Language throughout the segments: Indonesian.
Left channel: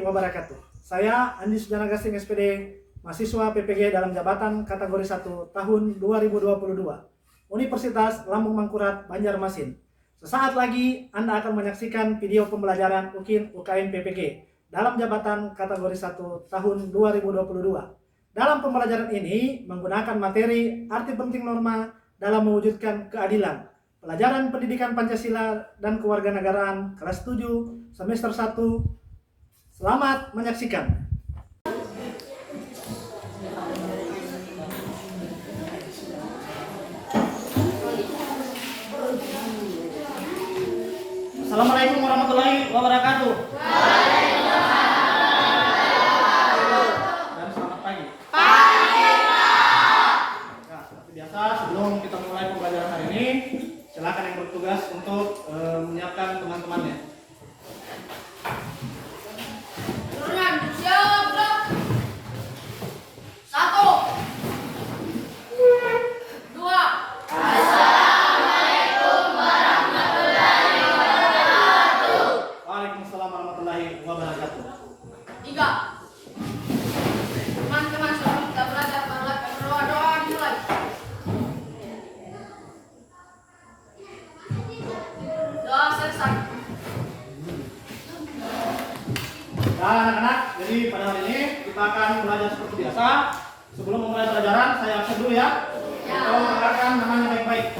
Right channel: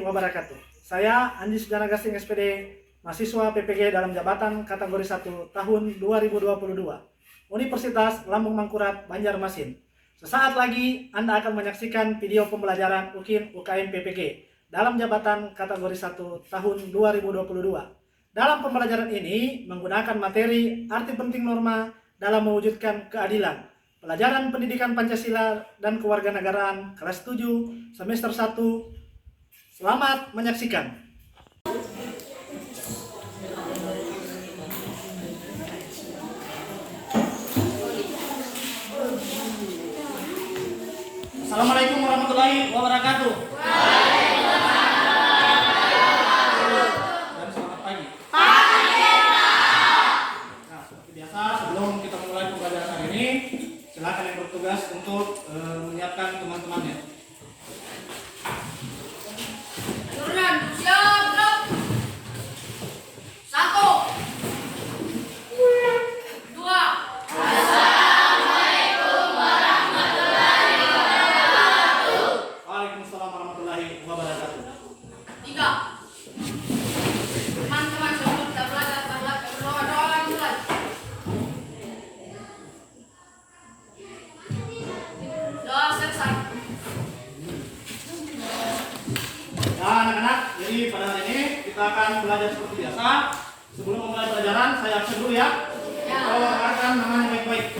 warahmatullahi wabarakatuh. Saya Anji Sujana Gasing SPD, mahasiswa PPG dalam jabatan kategori 1 tahun 2022, Universitas Lambung Mangkurat, Banjarmasin. Sesaat lagi Anda akan menyaksikan video pembelajaran UKIN UKM PPG dalam jabatan kategori 1 tahun 2022. Dalam pembelajaran ini menggunakan materi arti penting norma dalam mewujudkan keadilan. Pelajaran Pendidikan Pancasila dan Kewarganegaraan kelas 7 semester 1. Selamat menyaksikan. Assalamualaikum warahmatullahi wabarakatuh. Dan selamat pagi. Nah, seperti biasa sebelum kita mulai pembelajaran hari ini, silakan yang bertugas untuk menyiapkan teman-temannya. Waalaikumsalam warahmatullahi wabarakatuh. 3. Teman-teman sebelum kita belajar berdoa dimulai. Doa selesai. Nah, anak-anak, jadi pada hari ini kita akan belajar seperti biasa. Sebelum memulai pelajaran, saya absen dulu ya. Kalau akan namanya baik-baik.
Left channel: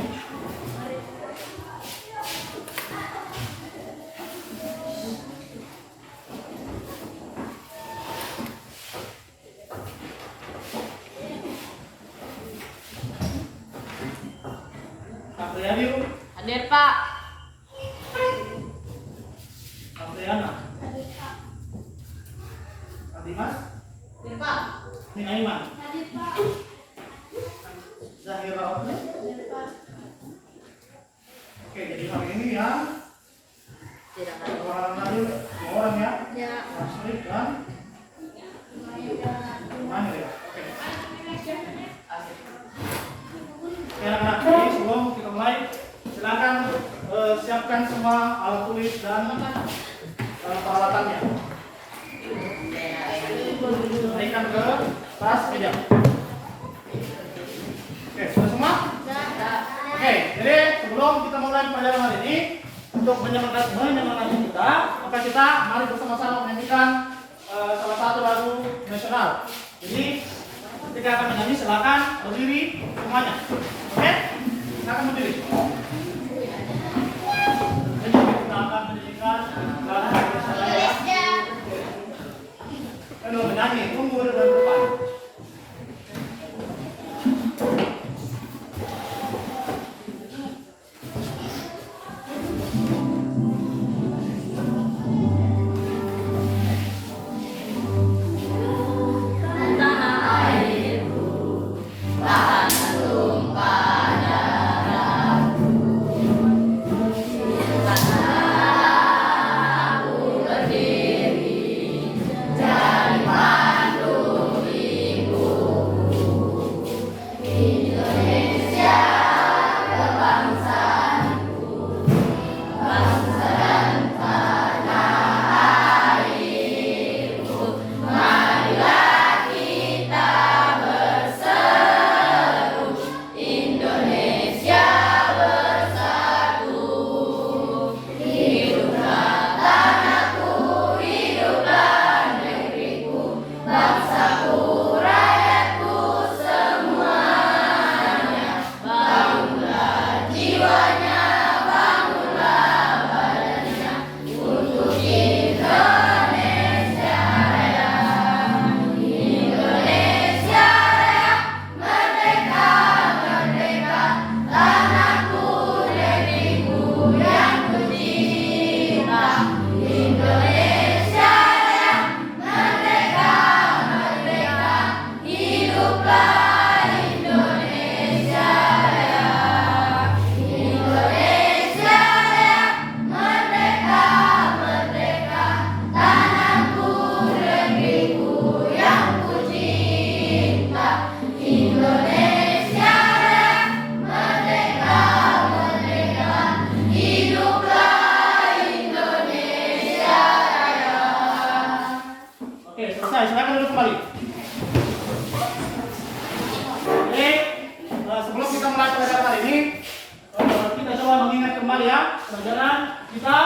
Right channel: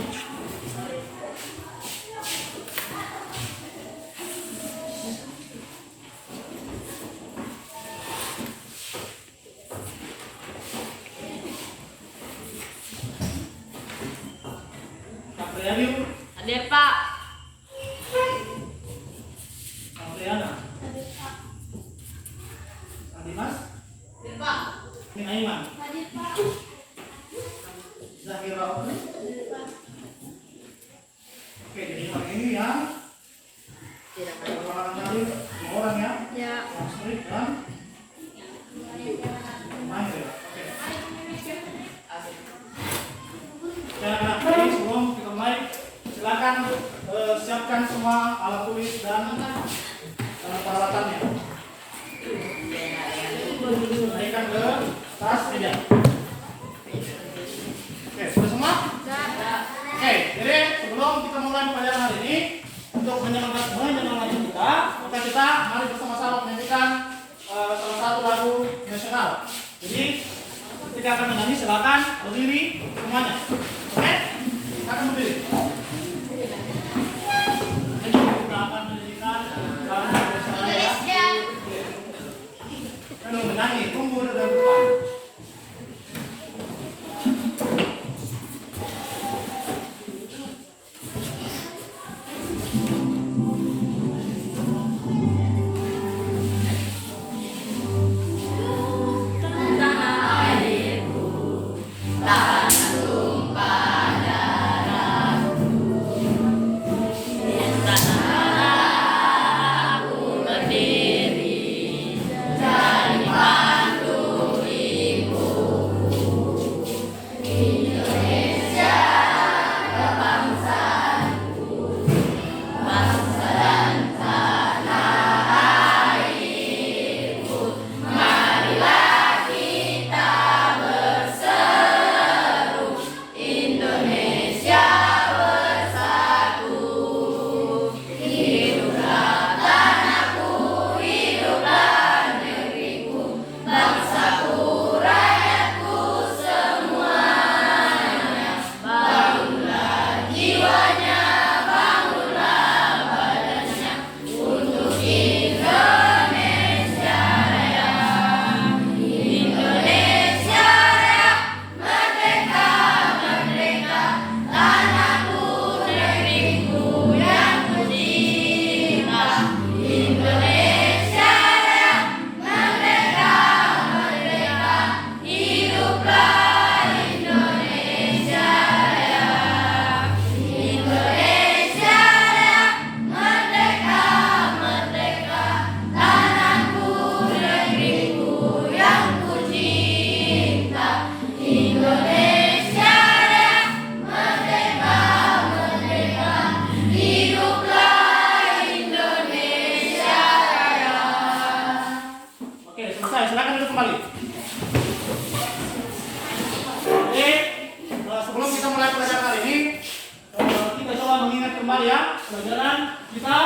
Kak Priyayu, Hadir, Pak. Kak Priyana, Kak Dimas, Hadir, Pak. Mina Iman, Hadir, Pak. Zahira Oke. Oke, jadi hari ini ya orang lain dua orang ya, Ya. Asri dan Mahir ya. Oke. Oke, anak-anak, jadi sebelum kita mulai, silakan siapkan semua alat tulis dan peralatannya. Naikkan ke tas meja. Oke, sudah semua? Oke, jadi sebelum kita mulai pelajaran hari ini, untuk menyemangati kita, maka kita mari bersama-sama menyanyikan salah satu lagu nasional. Jadi ketika akan menyanyi silakan berdiri semuanya. Oke? Silakan berdiri. Jadi kita akan menyanyikan lagu nasional ya. Kalau menyanyi, tunggu dan depan. Berdiri, jadi pandu Oke, selesai. Silakan duduk kembali. Oke, sebelum kita mulai pelajaran kali ini, kita coba mengingat kembali ya pelajaran kita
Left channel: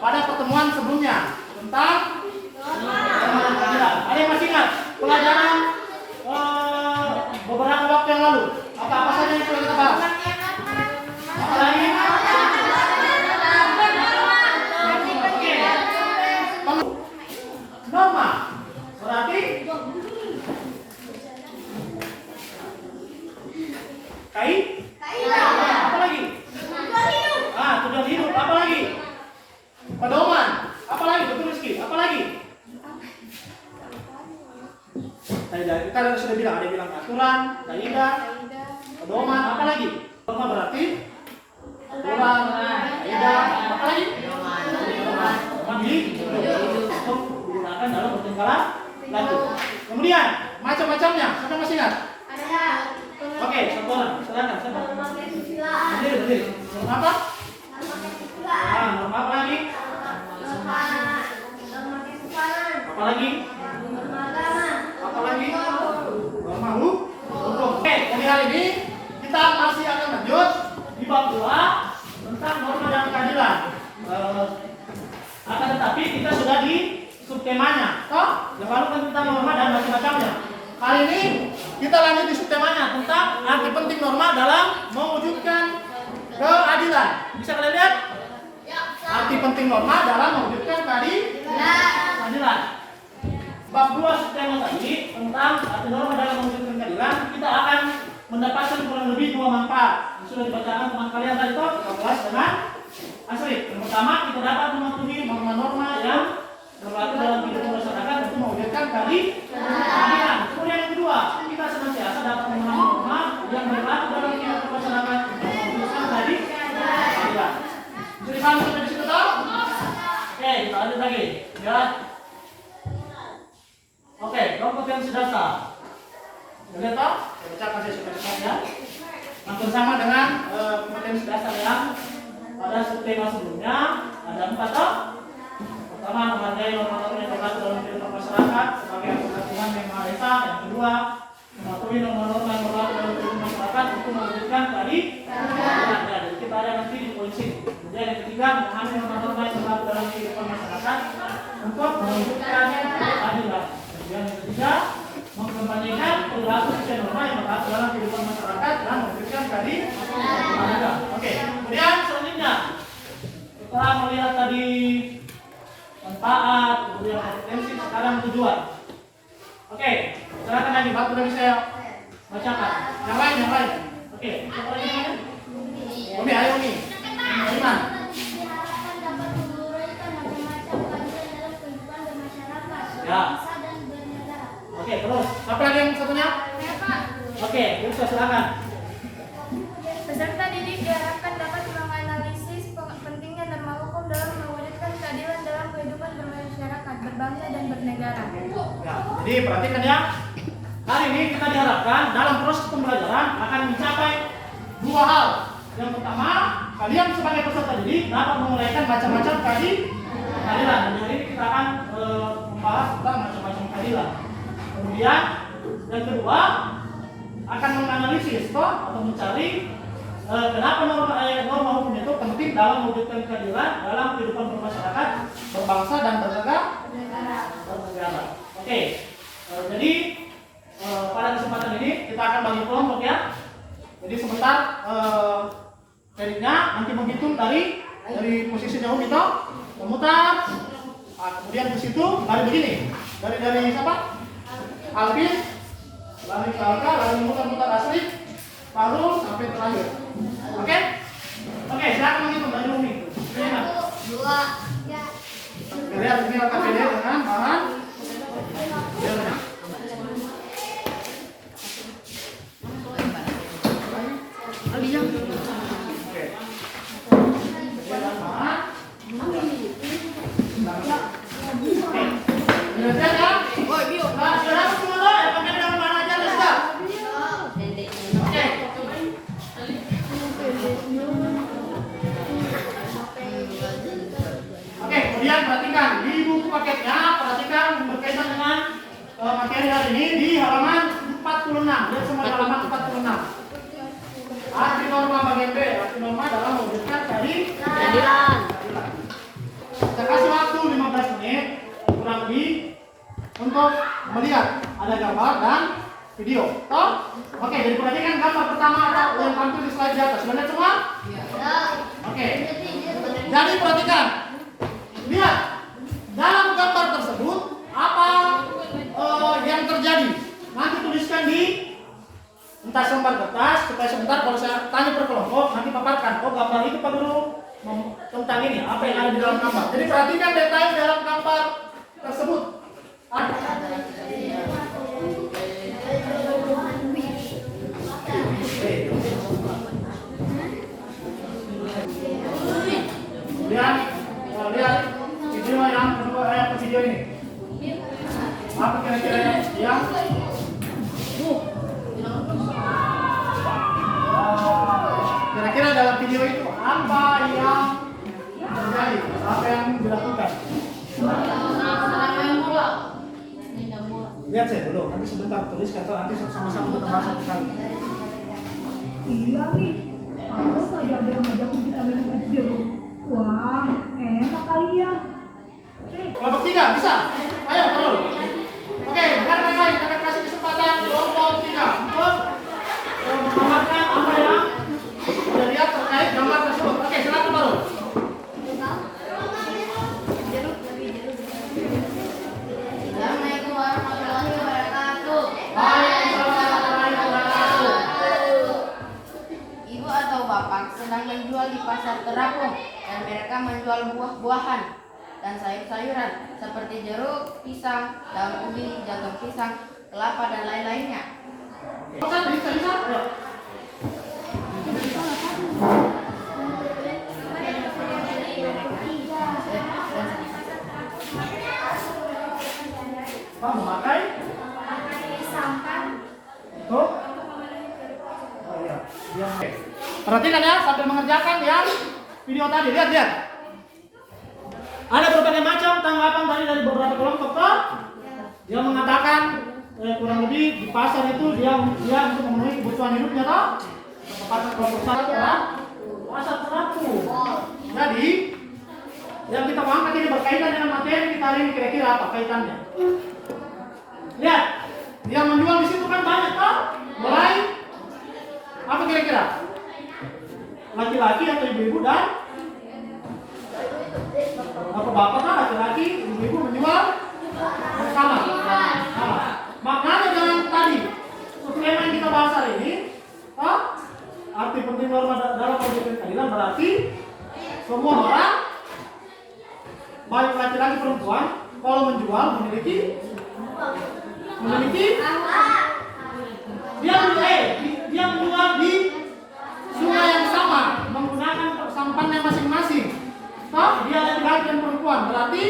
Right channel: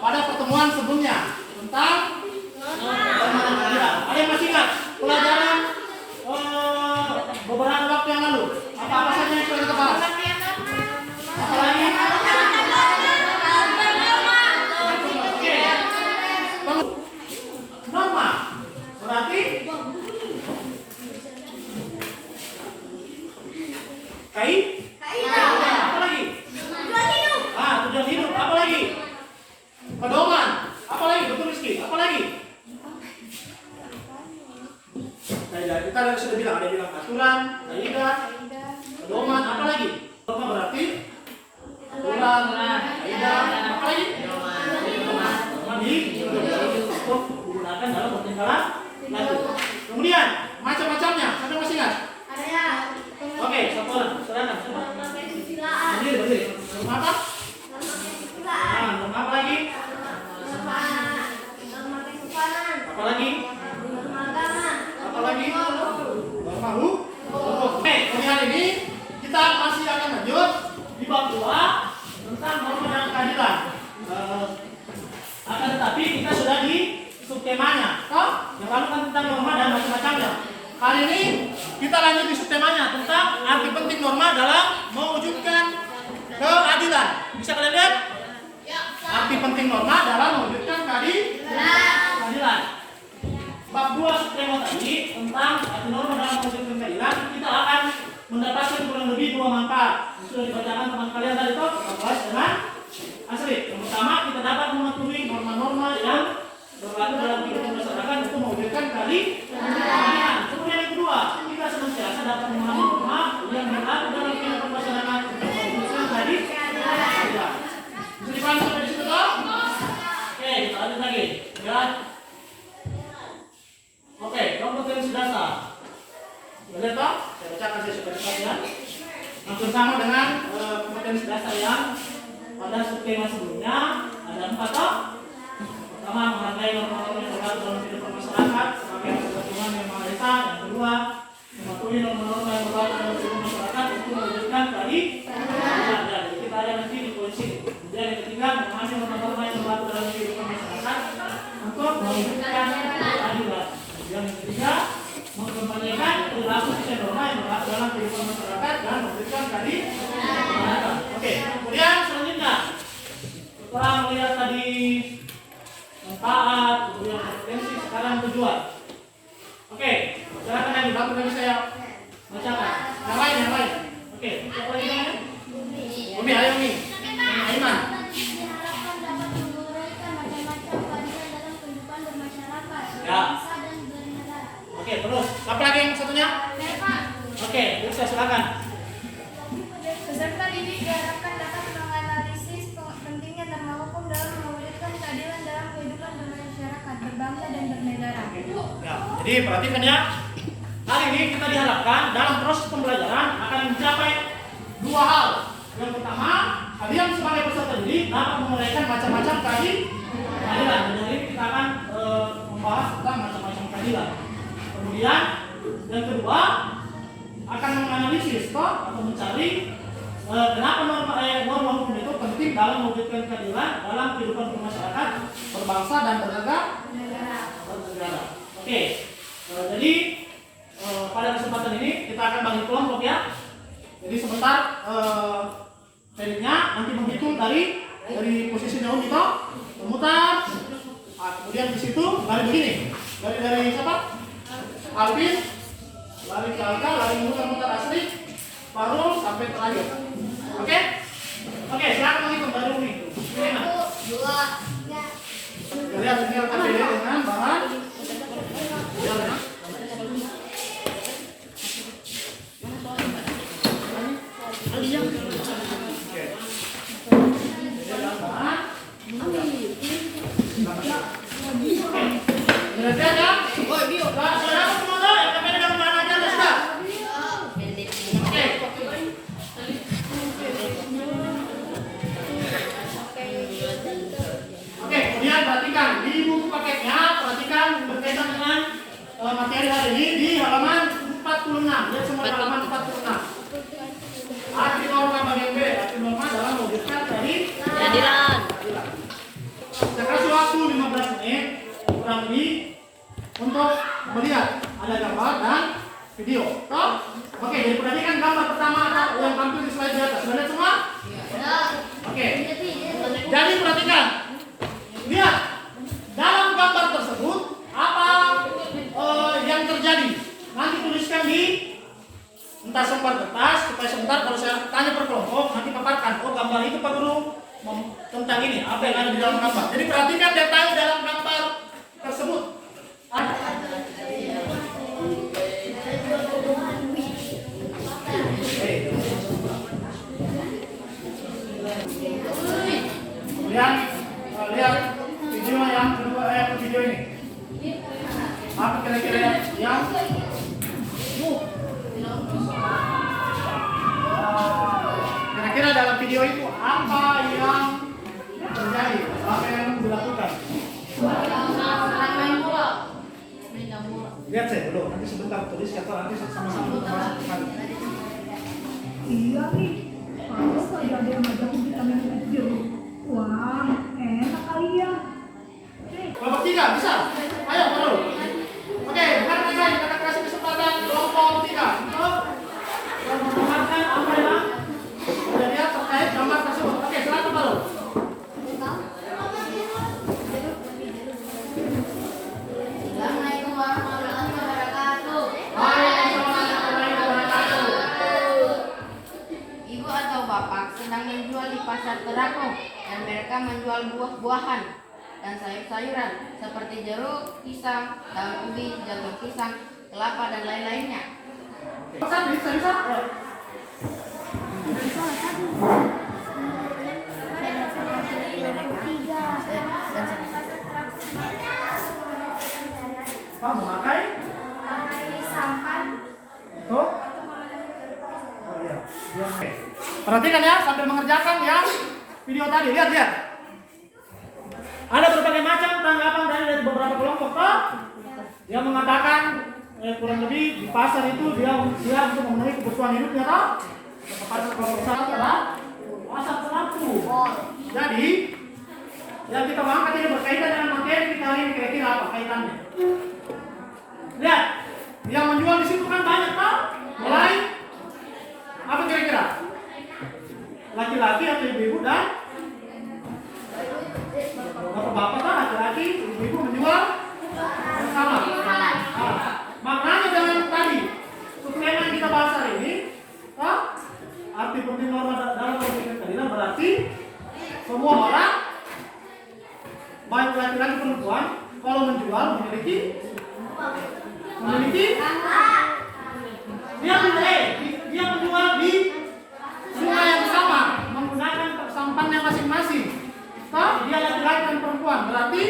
pada pertemuan sebelumnya tentang keadilan. Ada yang masih ingat pelajaran beberapa waktu yang lalu? Apa-apa saja yang sudah kita bahas? Apalagi? Norma. Berarti apa lagi? Tujuan hidup. Apa lagi? Pedoman. Apa lagi? Betul Rizky. Apa lagi? Kaidah. Kita sudah bilang, ada bilang aturan, kaidah, pedoman. Apa lagi? Norma berarti aturan, kaidah. Apa lagi? Pedoman untuk digunakan dalam pertinggalan lanjut. Kemudian macam-macamnya. Anda masih ingat? Oke, satu orang. Silakan. Berdiri. Norma apa? Norma apa lagi? Apa lagi? Apa lagi? Norma hukum. Oke, kemudian hari ini kita masih akan lanjut di bab 2 tentang norma dan keadilan. Akan tetapi kita sudah di subtemanya. Yang lalu kan tentang norma dan macam-macamnya. Kali ini kita lanjut di subtemanya tentang arti penting norma dalam mewujudkan keadilan. Bisa kalian lihat? Arti penting norma dalam mewujudkan keadilan. Bab 2 subtema tadi tentang arti norma dalam mewujudkan keadilan, kita akan mendapatkan kurang lebih 2 manfaat. Yang sudah dibacakan teman kalian tadi itu, Abas dengan Asri. Yang pertama, kita dapat mematuhi norma-norma yang berlaku dalam kehidupan masyarakat untuk mewujudkan keadilan. Kemudian yang kedua, kita senantiasa dapat memahami norma yang berlaku dalam kehidupan masyarakat untuk mewujudkan keadilan. Bisa dipahami sampai di situ toh? Oke, kita lanjut lagi. Ya. Oke, kompetensi dasar. Sudah lihat toh? Saya bacakan sesuai langsung sama dengan kompetensi dasar yang pada subtema sebelumnya. Ada 4 toh? Pertama, menghargai norma-norma yang berlaku dalam kehidupan masyarakat sebagai anggota Tuhan yang Maha Esa. Yang kedua, mematuhi norma-norma yang berlaku dalam kehidupan masyarakat untuk mewujudkan keadilan. Jadi kita ada nanti di polisi. Kemudian yang ketiga, memahami norma-norma yang berlaku dalam kehidupan masyarakat untuk mewujudkan keadilan. Kemudian yang ketiga, mengkampanyekan perilaku sesuai norma yang berlaku dalam kehidupan masyarakat dan mewujudkan keadilan. Oke, kemudian selanjutnya setelah melihat tadi manfaat, kemudian potensi, sekarang tujuan. Oke, silakan lagi, satu lagi saya bacakan. Yang lain. Oke, siapa lagi namanya? Umi, ayo Umi. Iman. Ya. Oke, terus. Apa lagi yang satunya? Oke, terus silakan. Peserta didik diharapkan dapat menganalisis pentingnya norma hukum dalam mewujudkan keadilan dalam kehidupan bermasyarakat, berbangsa dan bernegara. Ya, jadi perhatikan ya. Hari ini kita diharapkan dalam proses pembelajaran akan mencapai 2 hal. Yang pertama, kalian sebagai peserta didik dapat menguraikan macam-macam keadilan. Jadi kita akan membahas tentang macam-macam keadilan. Kemudian yang kedua akan menganalisis atau mencari kenapa norma hukum itu penting dalam mewujudkan keadilan dalam kehidupan bermasyarakat, berbangsa dan bernegara. Oke, jadi pada kesempatan ini kita akan bagi kelompok ya. Jadi sebentar Feriknya nanti menghitung dari posisinya Umi itu memutar. Kemudian di situ lari begini. Dari siapa? Alvin, lari ke Alka, lari mutar-mutar Asri, Farul sampai terakhir. Oke? Oke, silakan menghitung dari Umi. 1, 2, 3. Lihat ini akan beda dengan bahan. Oke, kemudian perhatikan di buku paketnya materi hari ini di halaman 46. Lihat semua di halaman 46. Arti norma bagian B, arti norma dalam mewujudkan keadilan. Saya kasih waktu 15 menit kurang lebih untuk melihat ada gambar dan video. Toh? Oke, jadi perhatikan gambar pertama atau yang tampil di slide di atas. Benar semua? Oke. Jadi perhatikan. Lihat dalam gambar tersebut apa yang terjadi. Nanti tuliskan di entah selembar kertas supaya sebentar kalau saya tanya per kelompok nanti paparkan. Oh, gambar itu Pak Guru tentang ini apa yang ada di dalam gambar. Jadi perhatikan detail dalam gambar tersebut. Lihat video yang kedua, video ini. Apa kira-kira yang kira-kira dalam video itu apa yang terjadi? Apa yang dilakukan? Lihat saya dulu, nanti sebentar tulis atau nanti sama-sama kita bahas satu kali. Iya nih, kalau saya ada yang ngajakin kita main video, wah enak kali ya. Kelompok 3 bisa? Ayo dulu. Oke, bukan main-main, kita kasih kesempatan kelompok 3 untuk menggambarkan apa yang sudah lihat terkait gambar tersebut. Oke, silakan baru. Assalamualaikum warahmatullahi wabarakatuh. Ibu atau bapak sedang menjual di pasar terapung dan mereka menjual buah-buahan dan sayur-sayuran seperti jeruk, pisang, daun ubi, jagung pisang, kelapa dan lain-lainnya. Bisa. Pak memakai sampan tuh. Oh iya. Oke. Perhatikan ya sambil mengerjakan yang video tadi. Lihat. Ada berbagai macam tanggapan dari beberapa kelompok toh. Dia mengatakan kurang lebih di pasar itu dia untuk memenuhi kebutuhan hidupnya toh. Pasar kelompok satu adalah pasar terapung. Jadi yang kita angkat ini berkaitan dengan materi kita hari ini kira-kira apa kaitannya? Lihat, yang menjual di situ kan banyak toh. Mulai apa kira-kira? Laki-laki atau ibu-ibu dan bapak-bapak kan laki-laki, ibu-ibu menjual bersama. Makanya dengan tadi subtema yang kita bahas hari ini, arti penting norma dalam mewujudkan keadilan berarti semua orang baik laki-laki perempuan kalau menjual memiliki dia menjual di sungai yang sama menggunakan sampannya masing-masing. Toh dia laki-laki dan perempuan berarti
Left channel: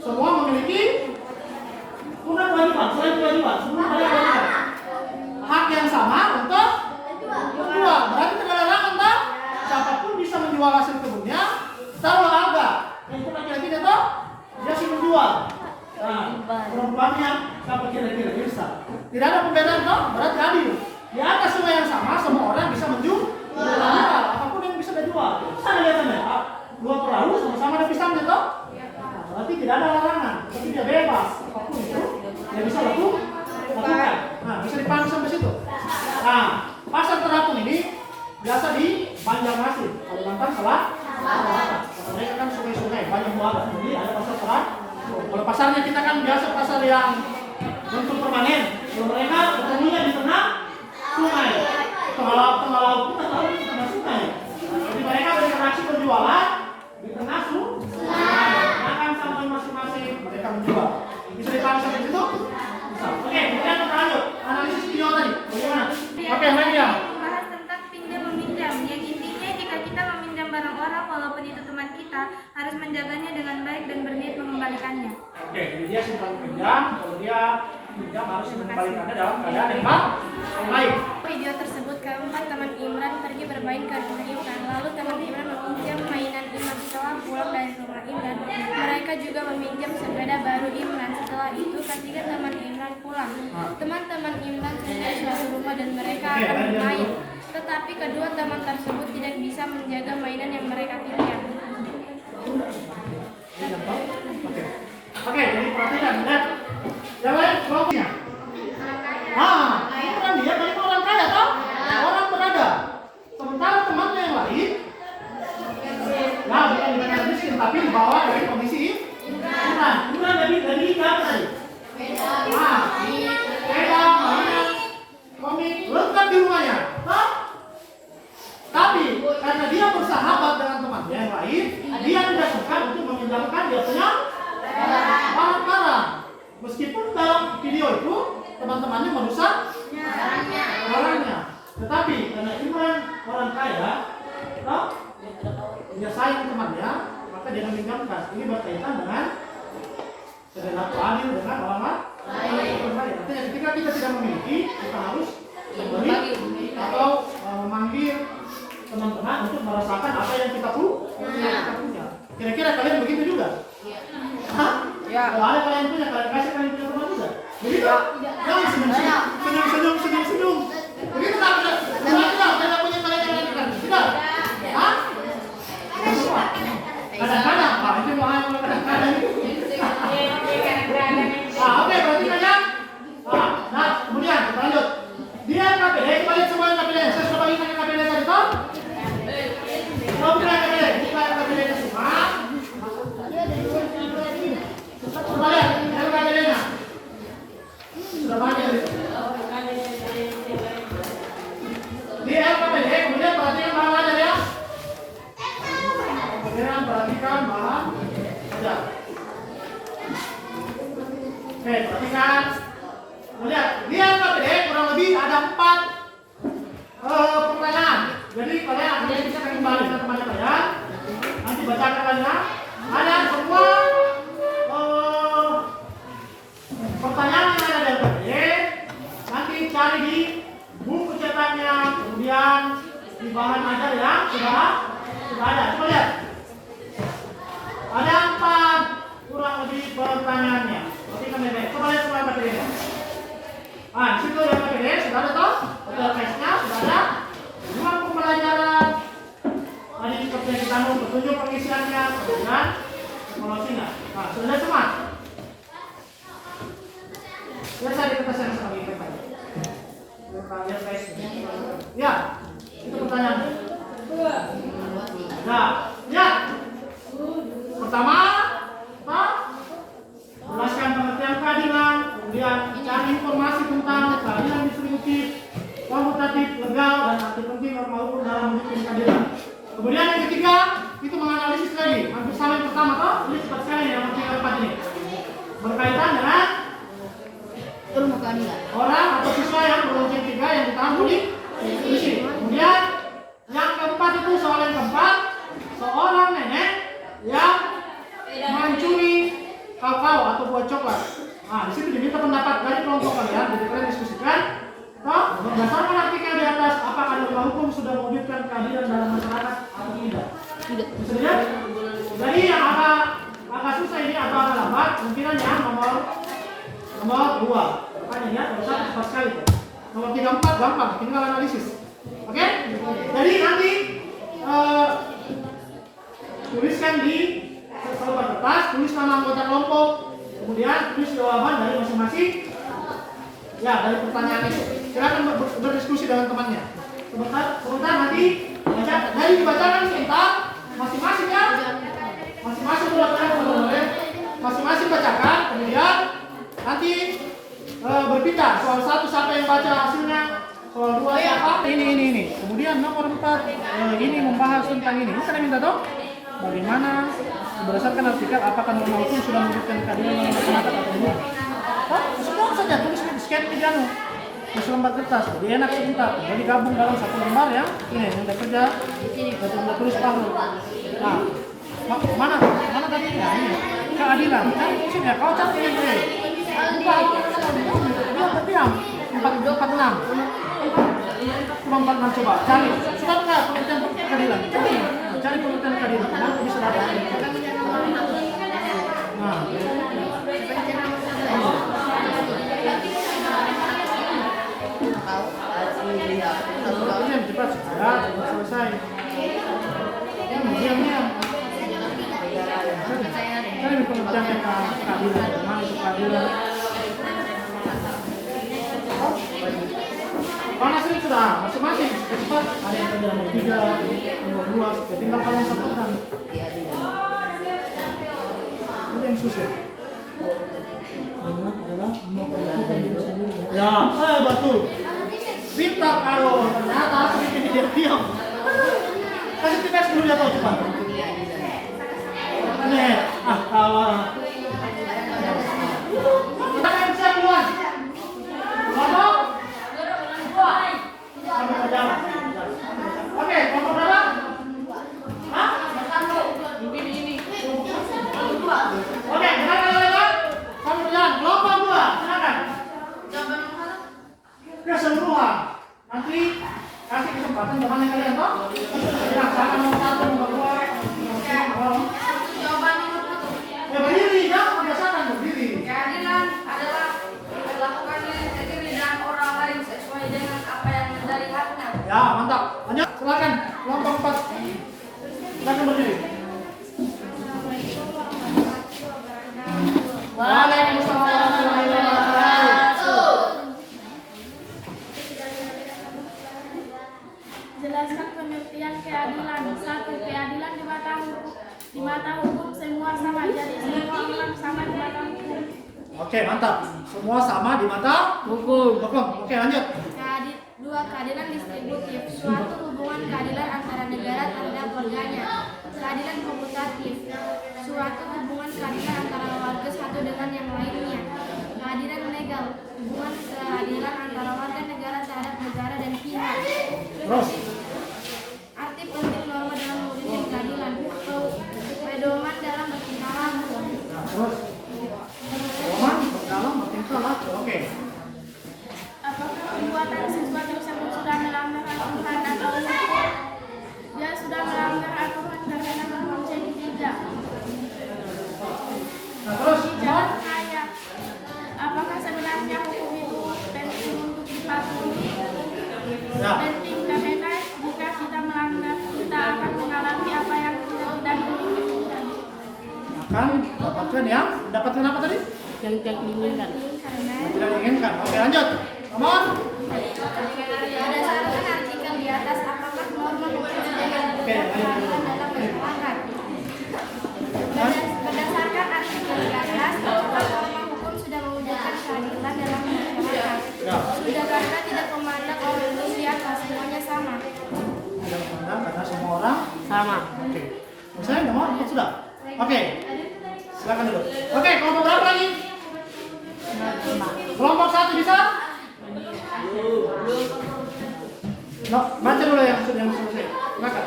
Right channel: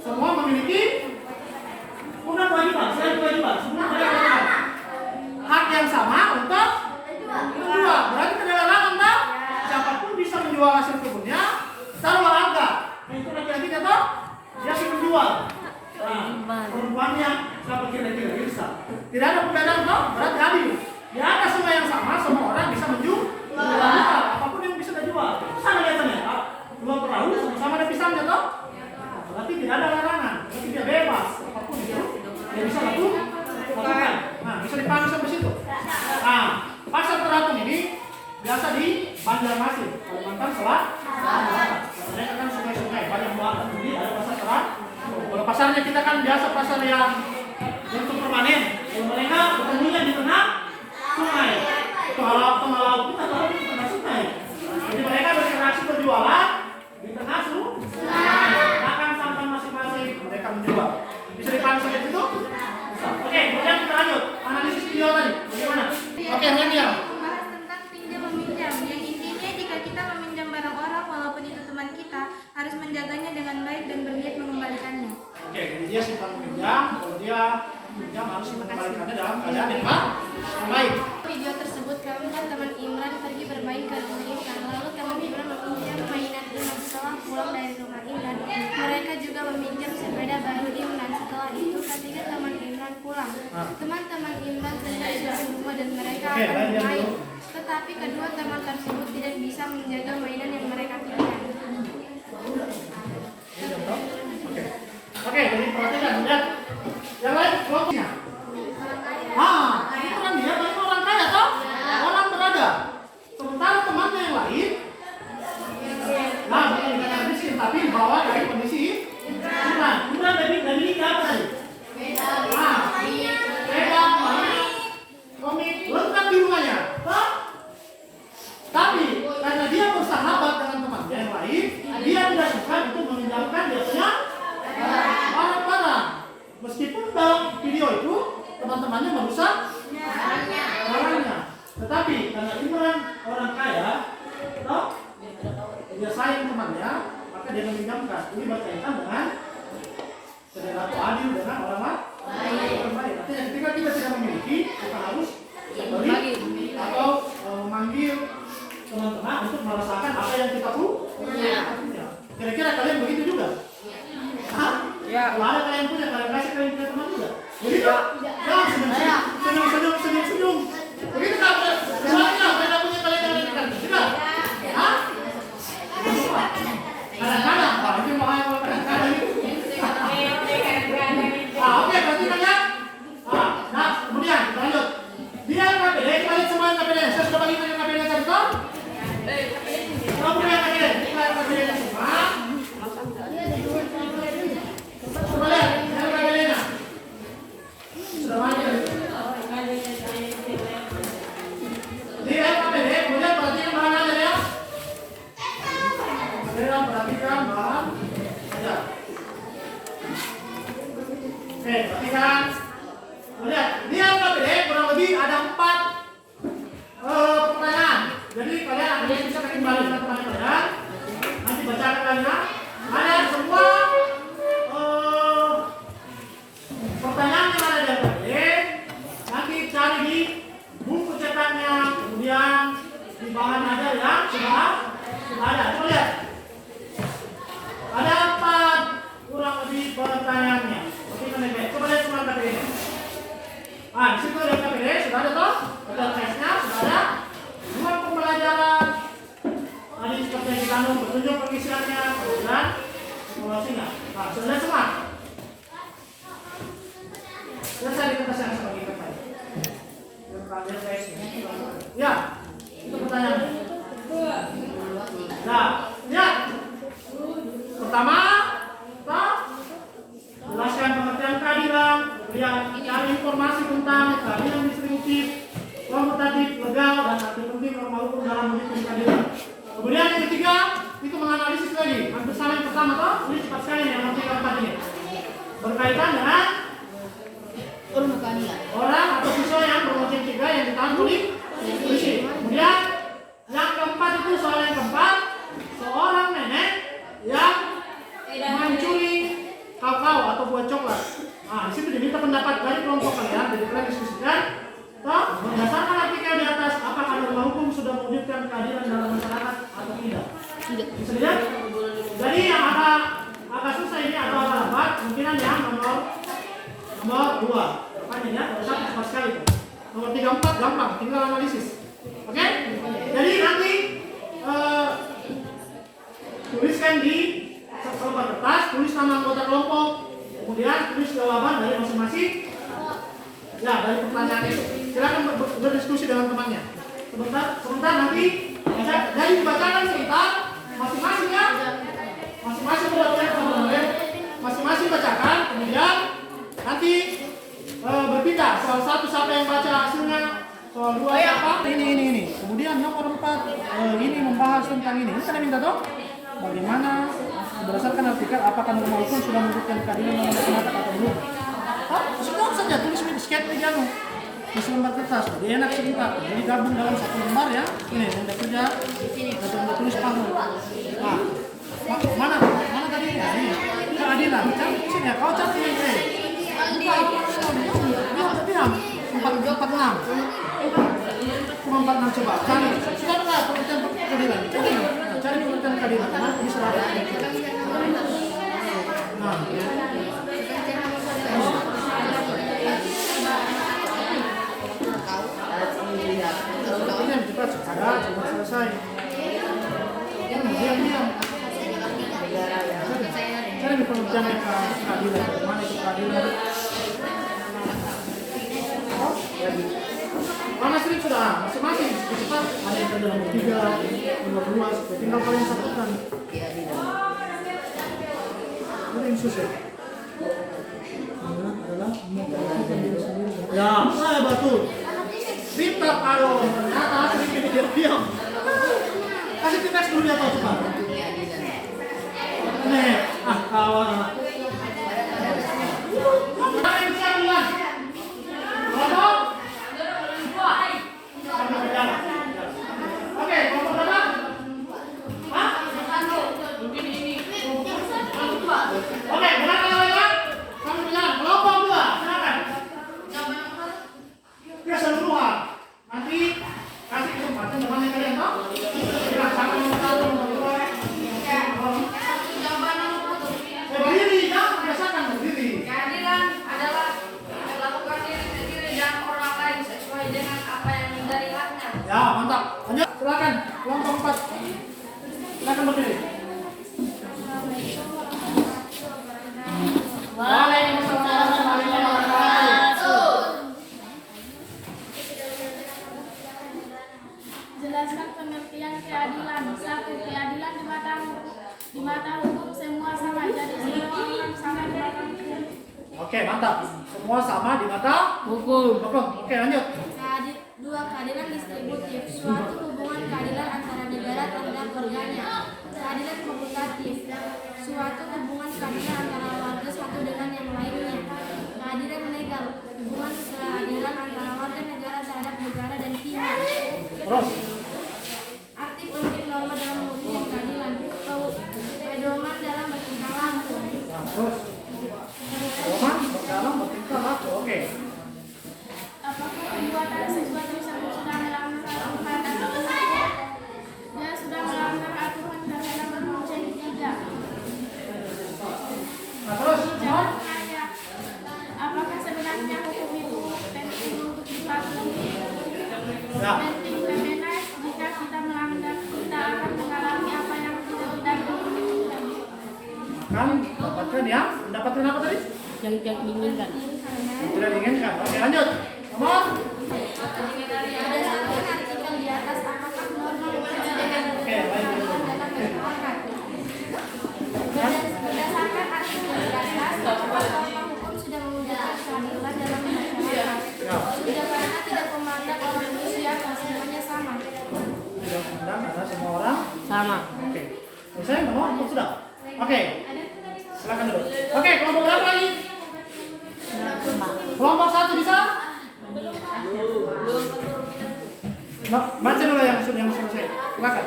semua memiliki bukan kewajiban, selain kewajiban, semua ada kewajiban. Hak yang sama untuk menjual. Berarti tidak larangan toh siapapun bisa menjual hasil kebunnya secara olahraga. Yang laki-laki dia toh dia bisa menjual. Nah, perempuannya siapa kira-kira bisa. Tidak ada perbedaan toh, berarti adil. Di atas sungai yang sama, semua orang bisa menjual. Apapun yang bisa dijual. Sana lihatannya, dua perahu sama-sama ada pisangnya toh. Nah, berarti tidak ada larangan, berarti dia bebas. Apapun itu, dia bisa lakukan. Nah, bisa dipahami sampai situ. Nah, pasar terapung ini biasa di Banjarmasin, Kalimantan Selatan. Mereka kan sungai-sungai, banyak buah. Jadi ada pasar terapung. Kalau pasarnya kita kan biasa pasar yang untuk permanen. Kalau mereka ketemunya di tengah sungai. Tengah laut pun atau di tengah sungai. Jadi mereka berinteraksi berjualan di tengah sungai. Makan sampai masing-masing mereka menjual. Bisa dipahami sampai situ? Bisa. Oke, kemudian kita lanjut. Analisis video tadi. Bagaimana? Oke, Nadia. Membahas tentang pinjam meminjam. Yang intinya jika kita meminjam barang orang walaupun itu teman kita harus menjaganya dengan baik dan berniat mengembalikannya. Oke, jadi dia simpan pinjam, kalau dia pinjam harus mengembalikannya dalam keadaan yang baik. Video tersebut keempat, teman Imran pergi bermain ke rumah Imran. Lalu teman Imran meminjam mainan Imran. Setelah pulang dari rumah Imran, mereka juga meminjam sepeda baru Imran. Setelah itu, ketiga teman Imran pulang. Teman-teman Imran pergi ke suatu rumah dan mereka akan bermain. Tetapi kedua teman tersebut tidak bisa menjaga mainan yang mereka pinjam. Oke, jadi perhatikan ya. Yang lain kelompoknya. Itu kan dia tadi orang kaya toh? Orang berada. Sementara temannya yang lain, nah bukan dikatakan miskin, tapi dibawa dari kondisi Imran. Imran dari apa tadi? Sepeda, mainan, komik, lengkap di rumahnya. Toh? Tapi karena dia bersahabat dengan temannya yang lain, dia tidak suka untuk meminjamkan biasanya barang-barang. Meskipun dalam video itu teman-temannya merusak barangnya, tetapi karena Imran orang kaya, toh, dia sayang temannya, maka dia meminjamkan. Ini berkaitan dengan perilaku adil dengan orang lain. Artinya ketika kita tidak memiliki, kita harus memberi atau memanggil teman-teman untuk merasakan apa yang kita punya. Kira-kira kalian begitu juga? Hah? Kalau ada kalian punya, kalian kasih kalian punya teman juga. Begitu? Jangan senyum-senyum. Begitu tak? Semuanya kalian punya kalian tidak? Hah? Kadang-kadang, Pak. Itu mau hanya kadang-kadang. Oke, berarti kan ya? Nah, kemudian kita lanjut. Biar KPD, kita lihat semua yang KPD. Saya sudah bagikan yang KPD tadi, toh? Kalau bukan KPD, bukan KPD semua. Coba lihat, yang KPD-nya. Sudah banyak. Di LKPD, kemudian perhatikan bahan ajar ya. Kemudian perhatikan bahan ajar. Oke, perhatikan. Lihat, di LKPD kurang lebih ada 4 pertanyaan. Jadi kalian akan diskusikan kembali dengan teman kalian. Nanti bacakan kalian. Ada semua pertanyaan yang ada di LKPD. Nanti cari di buku cetaknya, kemudian di bahan ajar yang sudah ada. Coba lihat. Ada 4 kurang lebih pertanyaannya. Coba lihat semua LKPD. Di situ ada KPD, sudah ada toh? Ada tesnya, sudah ada. Ruang pembelajaran. Tadi seperti yang kita tahu, petunjuk pengisiannya, kemudian simulasinya. Sudah semua. Selesai di kertas yang sama kita pakai. Ya, itu pertanyaannya. Nah, lihat. Pertama, kita jelaskan pengertian keadilan, kemudian cari informasi tentang keadilan distributif, komutatif, legal, dan arti penting norma hukum dalam mewujudkan keadilan. Kemudian yang ketiga, itu menganalisis tadi. Hampir sama yang pertama, toh? Ini cepat sekali yang nanti keempat ini. Berkaitan dengan orang atau siswa yang berlonceng 3 yang ditahan polisi. Kemudian yang keempat itu soal yang keempat, seorang nenek yang mencuri kakao atau buah coklat. Di situ diminta pendapat dari kelompok kalian, jadi kalian diskusikan. Toh, berdasarkan artikel di atas, apakah norma hukum sudah mewujudkan keadilan dalam masyarakat atau tidak? Bisa dilihat? Jadi yang agak susah ini atau agak lambat, kemungkinan yang nomor 2. Makanya lihat, nomor 1 cepat sekali tuh. Nomor 3, 4 gampang, tinggal analisis. Oke? Jadi nanti tuliskan di sobat kertas, tulis nama anggota kelompok, kemudian tulis jawaban dari masing-masing. Ya, dari pertanyaan itu. Silakan berdiskusi dengan temannya. Sebentar nanti dari dibacakan sebentar, masing-masing ya. Masing-masing masing-masing bacakan, kemudian nanti berpindah. Soal 1 siapa yang baca hasilnya, soal 2 siapa? Ini. Kemudian nomor 4 ini membahas tentang ini. Ini saya minta dong. Bagaimana berdasarkan artikel apakah norma hukum sudah mewujudkan keadilan dalam masyarakat atau belum? Semua saja tulis di sketch di selembar kertas. Jadi enak sebentar. Jadi gabung dalam 1 lembar ya. Ini yang udah kerja, udah tulis pahu. Nah, mana tadi? Ya ini keadilan. Cari sini ya. Kau cari ini. Buka halaman semua dia. Dia terdiam. 46. Cuma 46 coba. Cari. Sudah enggak pengertian keadilan? Cari pengertian keadilan. Mana tadi sudah ada? Nah. Cepat selesai. Diam. Cari pengertiannya keadilan. Mana itu keadilan? Mana sering sudah masing-masing cepat. Ada yang tadi nomor 3, nomor 2, supaya tinggal kalian satukan. Ini yang susah. Adalah memperlakukan diri sendiri. Ya, betul. Pintar kalau ternyata ini dia diam. Kasih tes dulu dia tahu cepat. Nih, kawan. Mana yang bisa duluan? Kelompok? Oke, kelompok berapa? Hah? Mungkin ini. Oke, berapa lagi? Kamu bilang kelompok 2, silakan. Oke, semua. Nanti kasih kesempatan teman kalian toh. Silakan nomor 1, nomor 2. Jawaban nomor 1. Berdiri, jangan membiasakan berdiri. Keadilan adalah melakukan diri sendiri dan orang lain sesuai dengan apa yang menjadi haknya. Ya, mantap. Lanjut, silakan. Kelompok 4. Silakan berdiri. Waalaikumsalam warahmatullahi wabarakatuh. Jelaskan pengertian keadilan. 1. Keadilan di mata hukum semua sama. Jadi semua orang sama di mata hukum. Oke, mantap. Semua sama di mata hukum. Oke, lanjut. 2. Keadilan distributif. Suatu hubungan keadilan antara negara terhadap warganya. Keadilan komutatif. Suatu hubungan keadilan antara warga satu dengan yang lainnya. Keadilan legal. Hubungan keadilan antara warga negara terhadap negara dan pihak. Terus. Arti penting norma dalam mewujudkan keadilan. Pedoman dalam bertingkah laku. Nah, terus. Pedoman dalam bertingkah laku. Oke. Apakah perbuatan siswa tersebut sudah melanggar aturan atau hukum? Dia sudah melanggar aturan terhadap konsep 3. Nah, terus. Jangan tanya, apakah sebenarnya hukum itu penting untuk dipatuhi? Ya. Penting karena jika kita melanggar, kita akan mengalami apa yang kita tidak inginkan. Akan mendapatkan yang mendapatkan apa tadi? Yang tidak diinginkan. Karena Tidak diinginkan. Oke, lanjut. Nomor. berdasarkan artikel di atas, apakah norma hukum dengan keadilan dalam masyarakat? Berdasarkan artikel di atas, apakah norma hukum sudah mewujudkan keadilan dalam masyarakat? Sudah, karena tidak memandang orang itu siapa, semuanya sama. Tidak memandang karena semua orang Sama. Oke. Misalnya nomor 4 sudah. Oke. Silakan dulu. Oke, kelompok berapa lagi? Kelompok 1 bisa? Baca dulu yang sudah selesai. Silakan.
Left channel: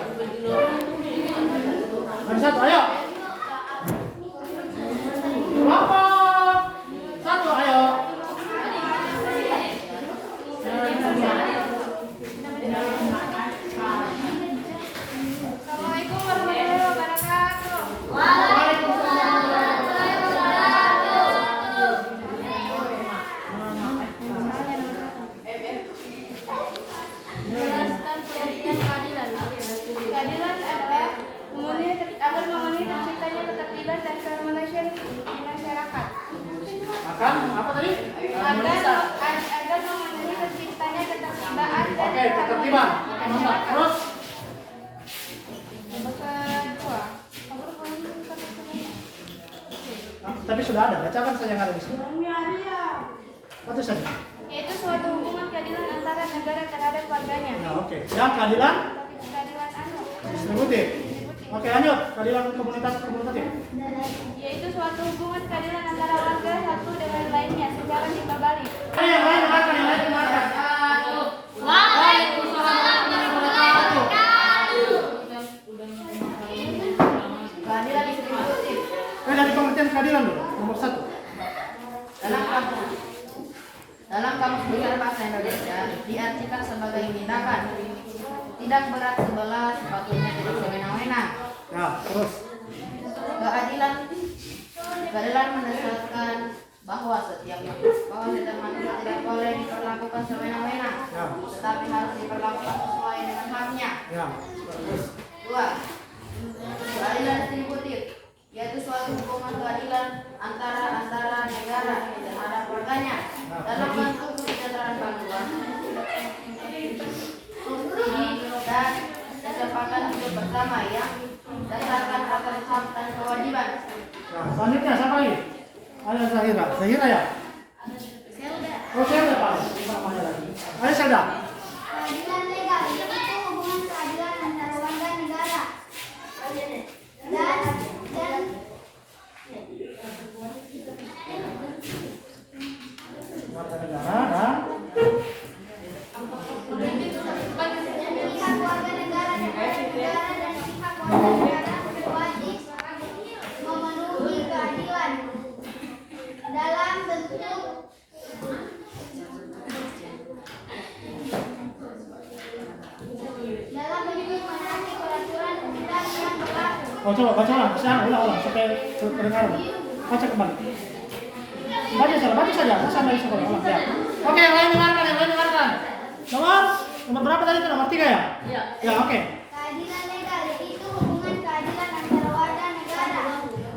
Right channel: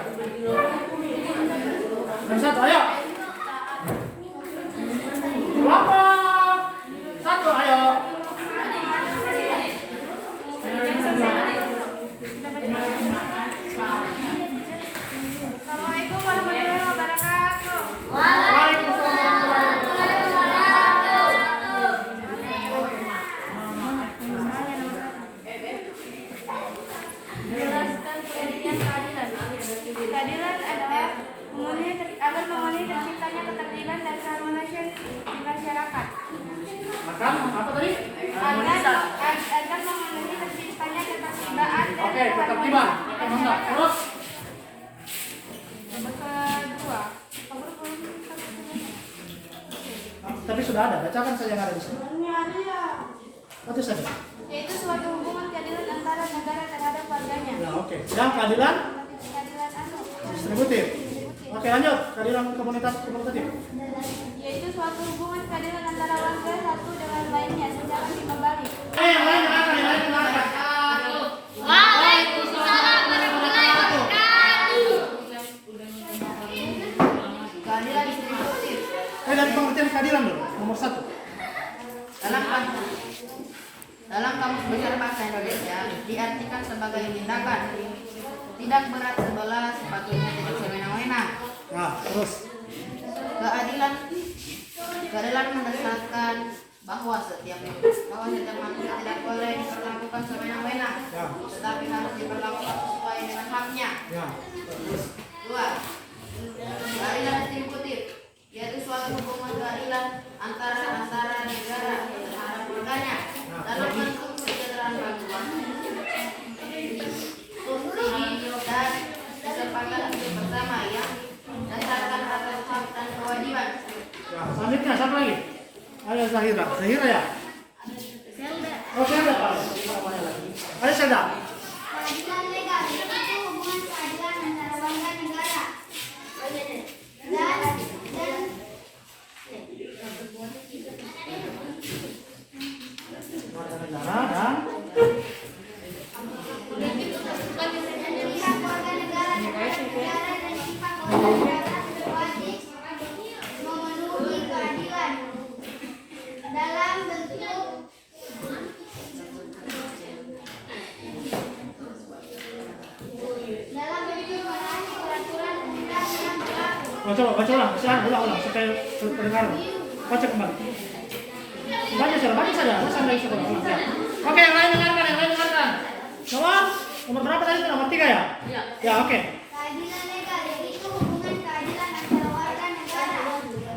Yang 1, ayo. Kelompok 1, ayo. Assalamualaikum warahmatullahi wabarakatuh. Jelaskan pengertian keadilan. Keadilan adalah memenuhi terciptanya ketertiban dan keharmonisan di masyarakat. Akan apa tadi? Agar memenuhi terciptanya ketertiban dan Oke, ketertiban. Mantap. Terus. Kedua, Tapi sudah ada. Bacakan saja yang ada di sini. Apa saja? yaitu suatu hubungan keadilan antara negara terhadap warganya. Nah, oke. Yang keadilan Keadilan distributif. Oke, lanjut. Keadilan komunitatif. yaitu suatu hubungan keadilan antara warga satu dengan lainnya secara timbal balik. Yang lain. Waalaikumsalam warahmatullahi wabarakatuh. Keadilan distributif. Dari pengertian keadilan dulu. Nomor 1. Dalam Kamus Besar Bahasa Indonesia diartikan sebagai tindakan tidak berat sebelah, sepatutnya tidak sewenang-wenang. Ya, terus. Keadilan mendasarkan bahwa setiap manusia tidak boleh diperlakukan sewenang-wenang, Ya. tetapi harus diperlakukan sesuai dengan haknya. Ya. Terus. 2. Keadilan distributif, yaitu suatu hubungan keadilan antara negara terhadap warganya dalam bentuk kesejahteraan bantuan, subsidi dan kesepakatan hidup bersama yang berdasarkan atas hak dan kewajiban. Ya, selanjutnya siapa lagi? Ada Zahira. Zahira ya? Oh, saya udah Pak. Ada Seda. Keadilan legal itu hubungan keadilan antara warga negara dan Warga negara dan pihak warga negara dan pihak warga negara wajib memenuhi keadilan dalam bentuk menaati peraturan undang yang berlaku. baca ulang, ulang sampai terdengar. Baca kembali. Baca saja, sampai sekolah ulang. Ya. Oke, yang lain dengarkan. Nomor berapa tadi? Nomor 3 ya? Ya, oke. Keadilan legal yaitu hubungan keadilan antara warga negara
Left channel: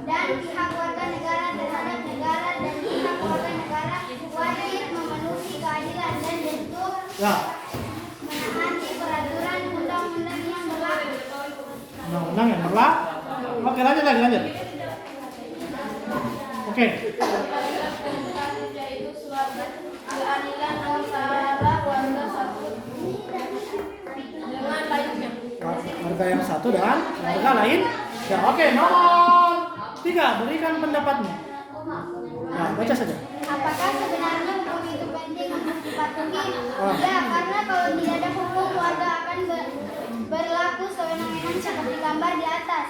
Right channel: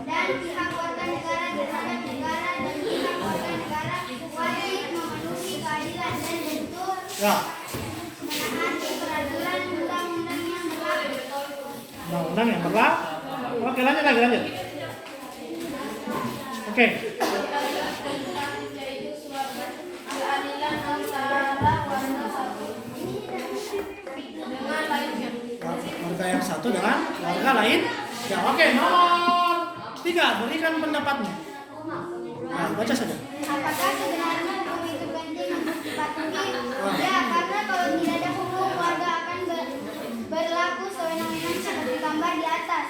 dan pihak warga negara terhadap negara dan pihak warga negara wajib memenuhi keadilan dan bentuk Ya. menaati peraturan undang-undang yang berlaku. Undang-undang yang berlaku. Oke, lanjut. Oke. Yaitu suatu keadilan antara warga satu dengan lainnya. Warga yang satu dengan warga lain. Ya, oke. Nomor 3, berikan pendapatmu. Ya, baca saja. Apakah sebenarnya hukum itu penting untuk dipatuhi? Ya, karena kalau tidak ada hukum, warga akan berlaku sewenang-wenang seperti gambar di atas.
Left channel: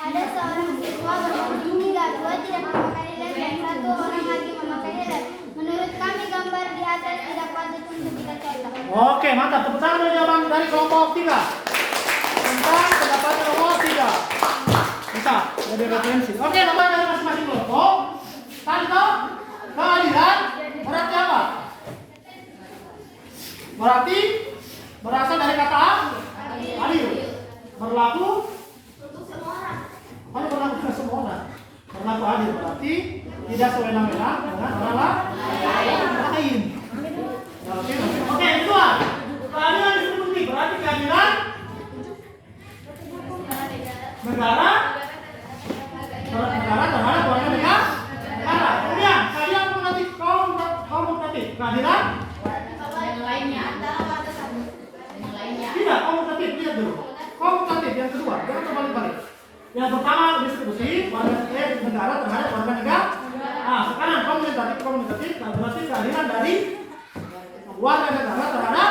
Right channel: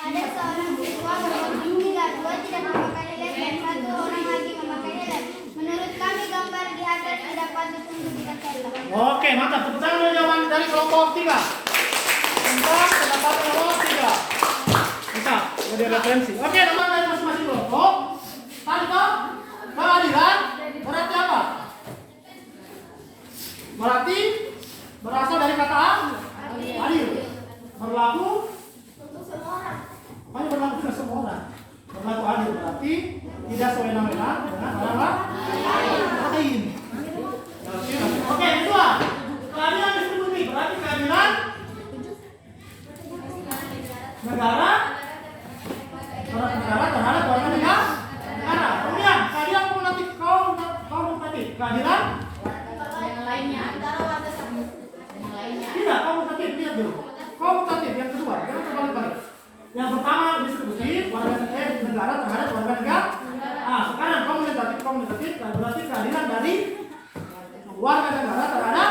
Ada seorang siswa berbondong 3, 2 tidak memakai helm dan 1 orang lagi memakai helm. Menurut kami gambar di atas tidak patut untuk kita contoh. Oke, mantap. Tepuk tangan dulu jawaban dari kelompok 3. Tentang pendapat kelompok 3. Mantap, jadi referensi. Oke, nomor dari masing-masing kelompok. Tadi toh, keadilan berarti apa? Berarti berasal dari kata adil. Berlaku hanya berlaku dengan semua orang. Berlaku adil berarti tidak sewenang-wenang dengan orang lain. Oke, kedua. Keadilan distributif berarti keadilan negara terhadap warga negara. Kemudian keadilan komutatif. Keadilan Yang lainnya antara warga satu yang lainnya. tidak komutatif. Lihat dulu. Komutatif yang kedua, jangan terbalik-balik. Yang pertama distributif negara terhadap warga negara. Nah, sekarang komutatif berarti keadilan dari warga negara terhadap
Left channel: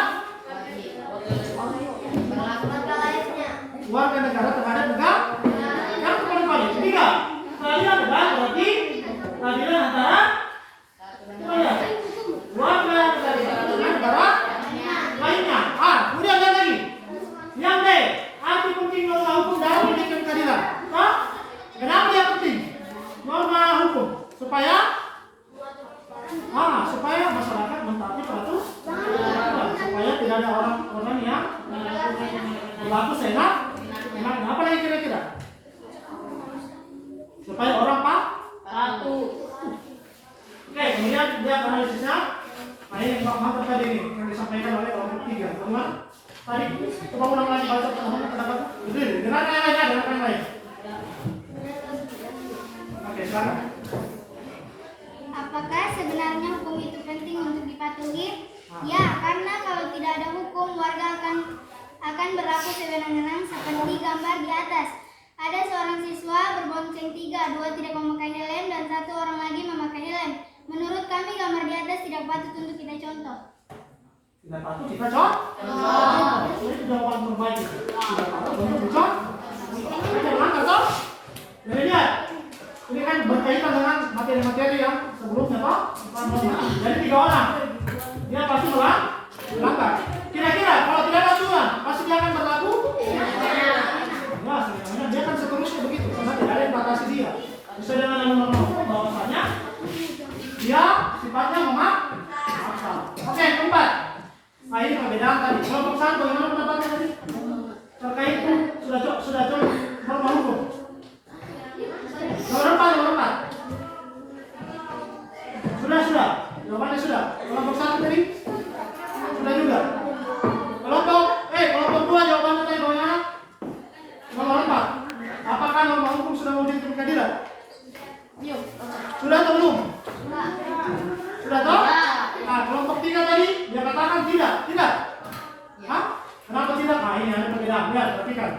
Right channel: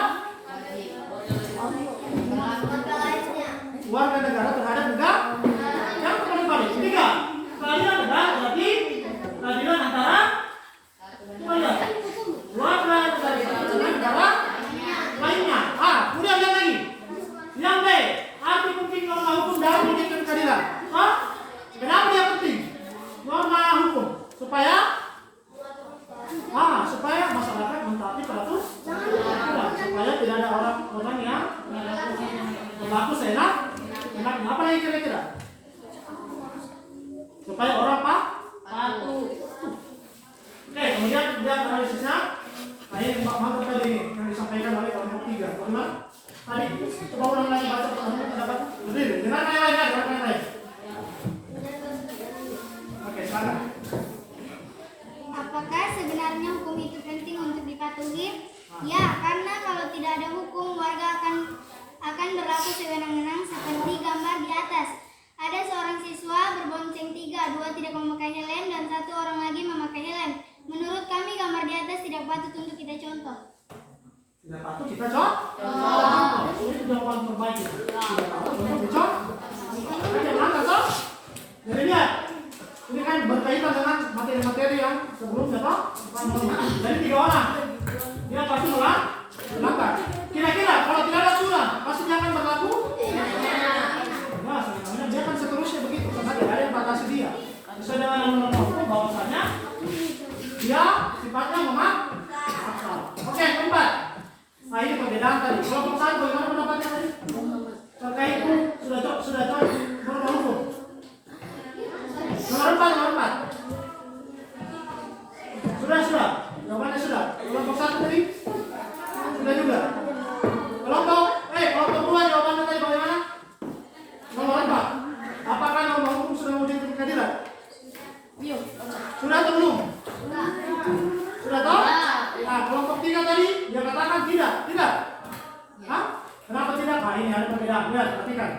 warga negara terhadap negara. Yang terbalik-balik. Ketiga, keadilan negara berarti keadilan antara warga negara lainnya. Kemudian lihat lagi. Yang B, arti penting norma hukum dalam menegakkan keadilan. Kenapa dia penting? Norma hukum supaya masyarakat mentaati peraturan, supaya tidak ada orang yang berlaku seenak. Apa lagi kira-kira? Supaya orang patuh. Oke, kemudian dia analisisnya. Nah, ini mantap tadi ini yang disampaikan oleh kelompok 3. Teman tadi coba ulang lagi baca pendapat. Dengan yang lain. Oke, silakan. Apakah sebenarnya hukum itu penting untuk dipatuhi? Ya, karena kalau tidak ada hukum, warga akan berlaku sewenang-wenang seperti gambar di atas. Ada seorang siswa berbonceng 3, 2 tidak memakai helm dan 1 orang lagi memakai helm. Menurut kami gambar di atas tidak patut untuk kita contoh. Tidak patut kita contoh. Ini jawaban terbaik. Tidak patut untuk dicontoh. Oke, mana toh? Jadi lihat. Ini kan berkaitan dengan materi-materi yang sebelumnya toh. Jadi 3 orang, dia pasti melanggar. Kira-kira kalau tidak ada aturan, pasti dia akan berlaku. Nah, sebenarnya dia kan seterusnya begitu, karena tidak ada yang batasi dia. Sesuai dengan norma hukum bahwasanya dia sifatnya memaksa. Oke, keempat. Nah, ini perbedaan tadi. Kelompok 1 bagaimana pendapatnya tadi? Terkait itu sudah norma hukum. Nomor 4. Sudah. Jawabannya sudah. Kelompok 1 tadi? Sudah juga. Kelompok 2 jawabannya tadi bagaimana? Nomor 4. Apakah norma hukum sudah wujud di pengadilan? Sudah atau belum? Sudah toh? Nah, kelompok 3 tadi dia katakan tidak. Hah? Kenapa tidak? Nah, ini ada perbedaan. Lihat, perhatikan.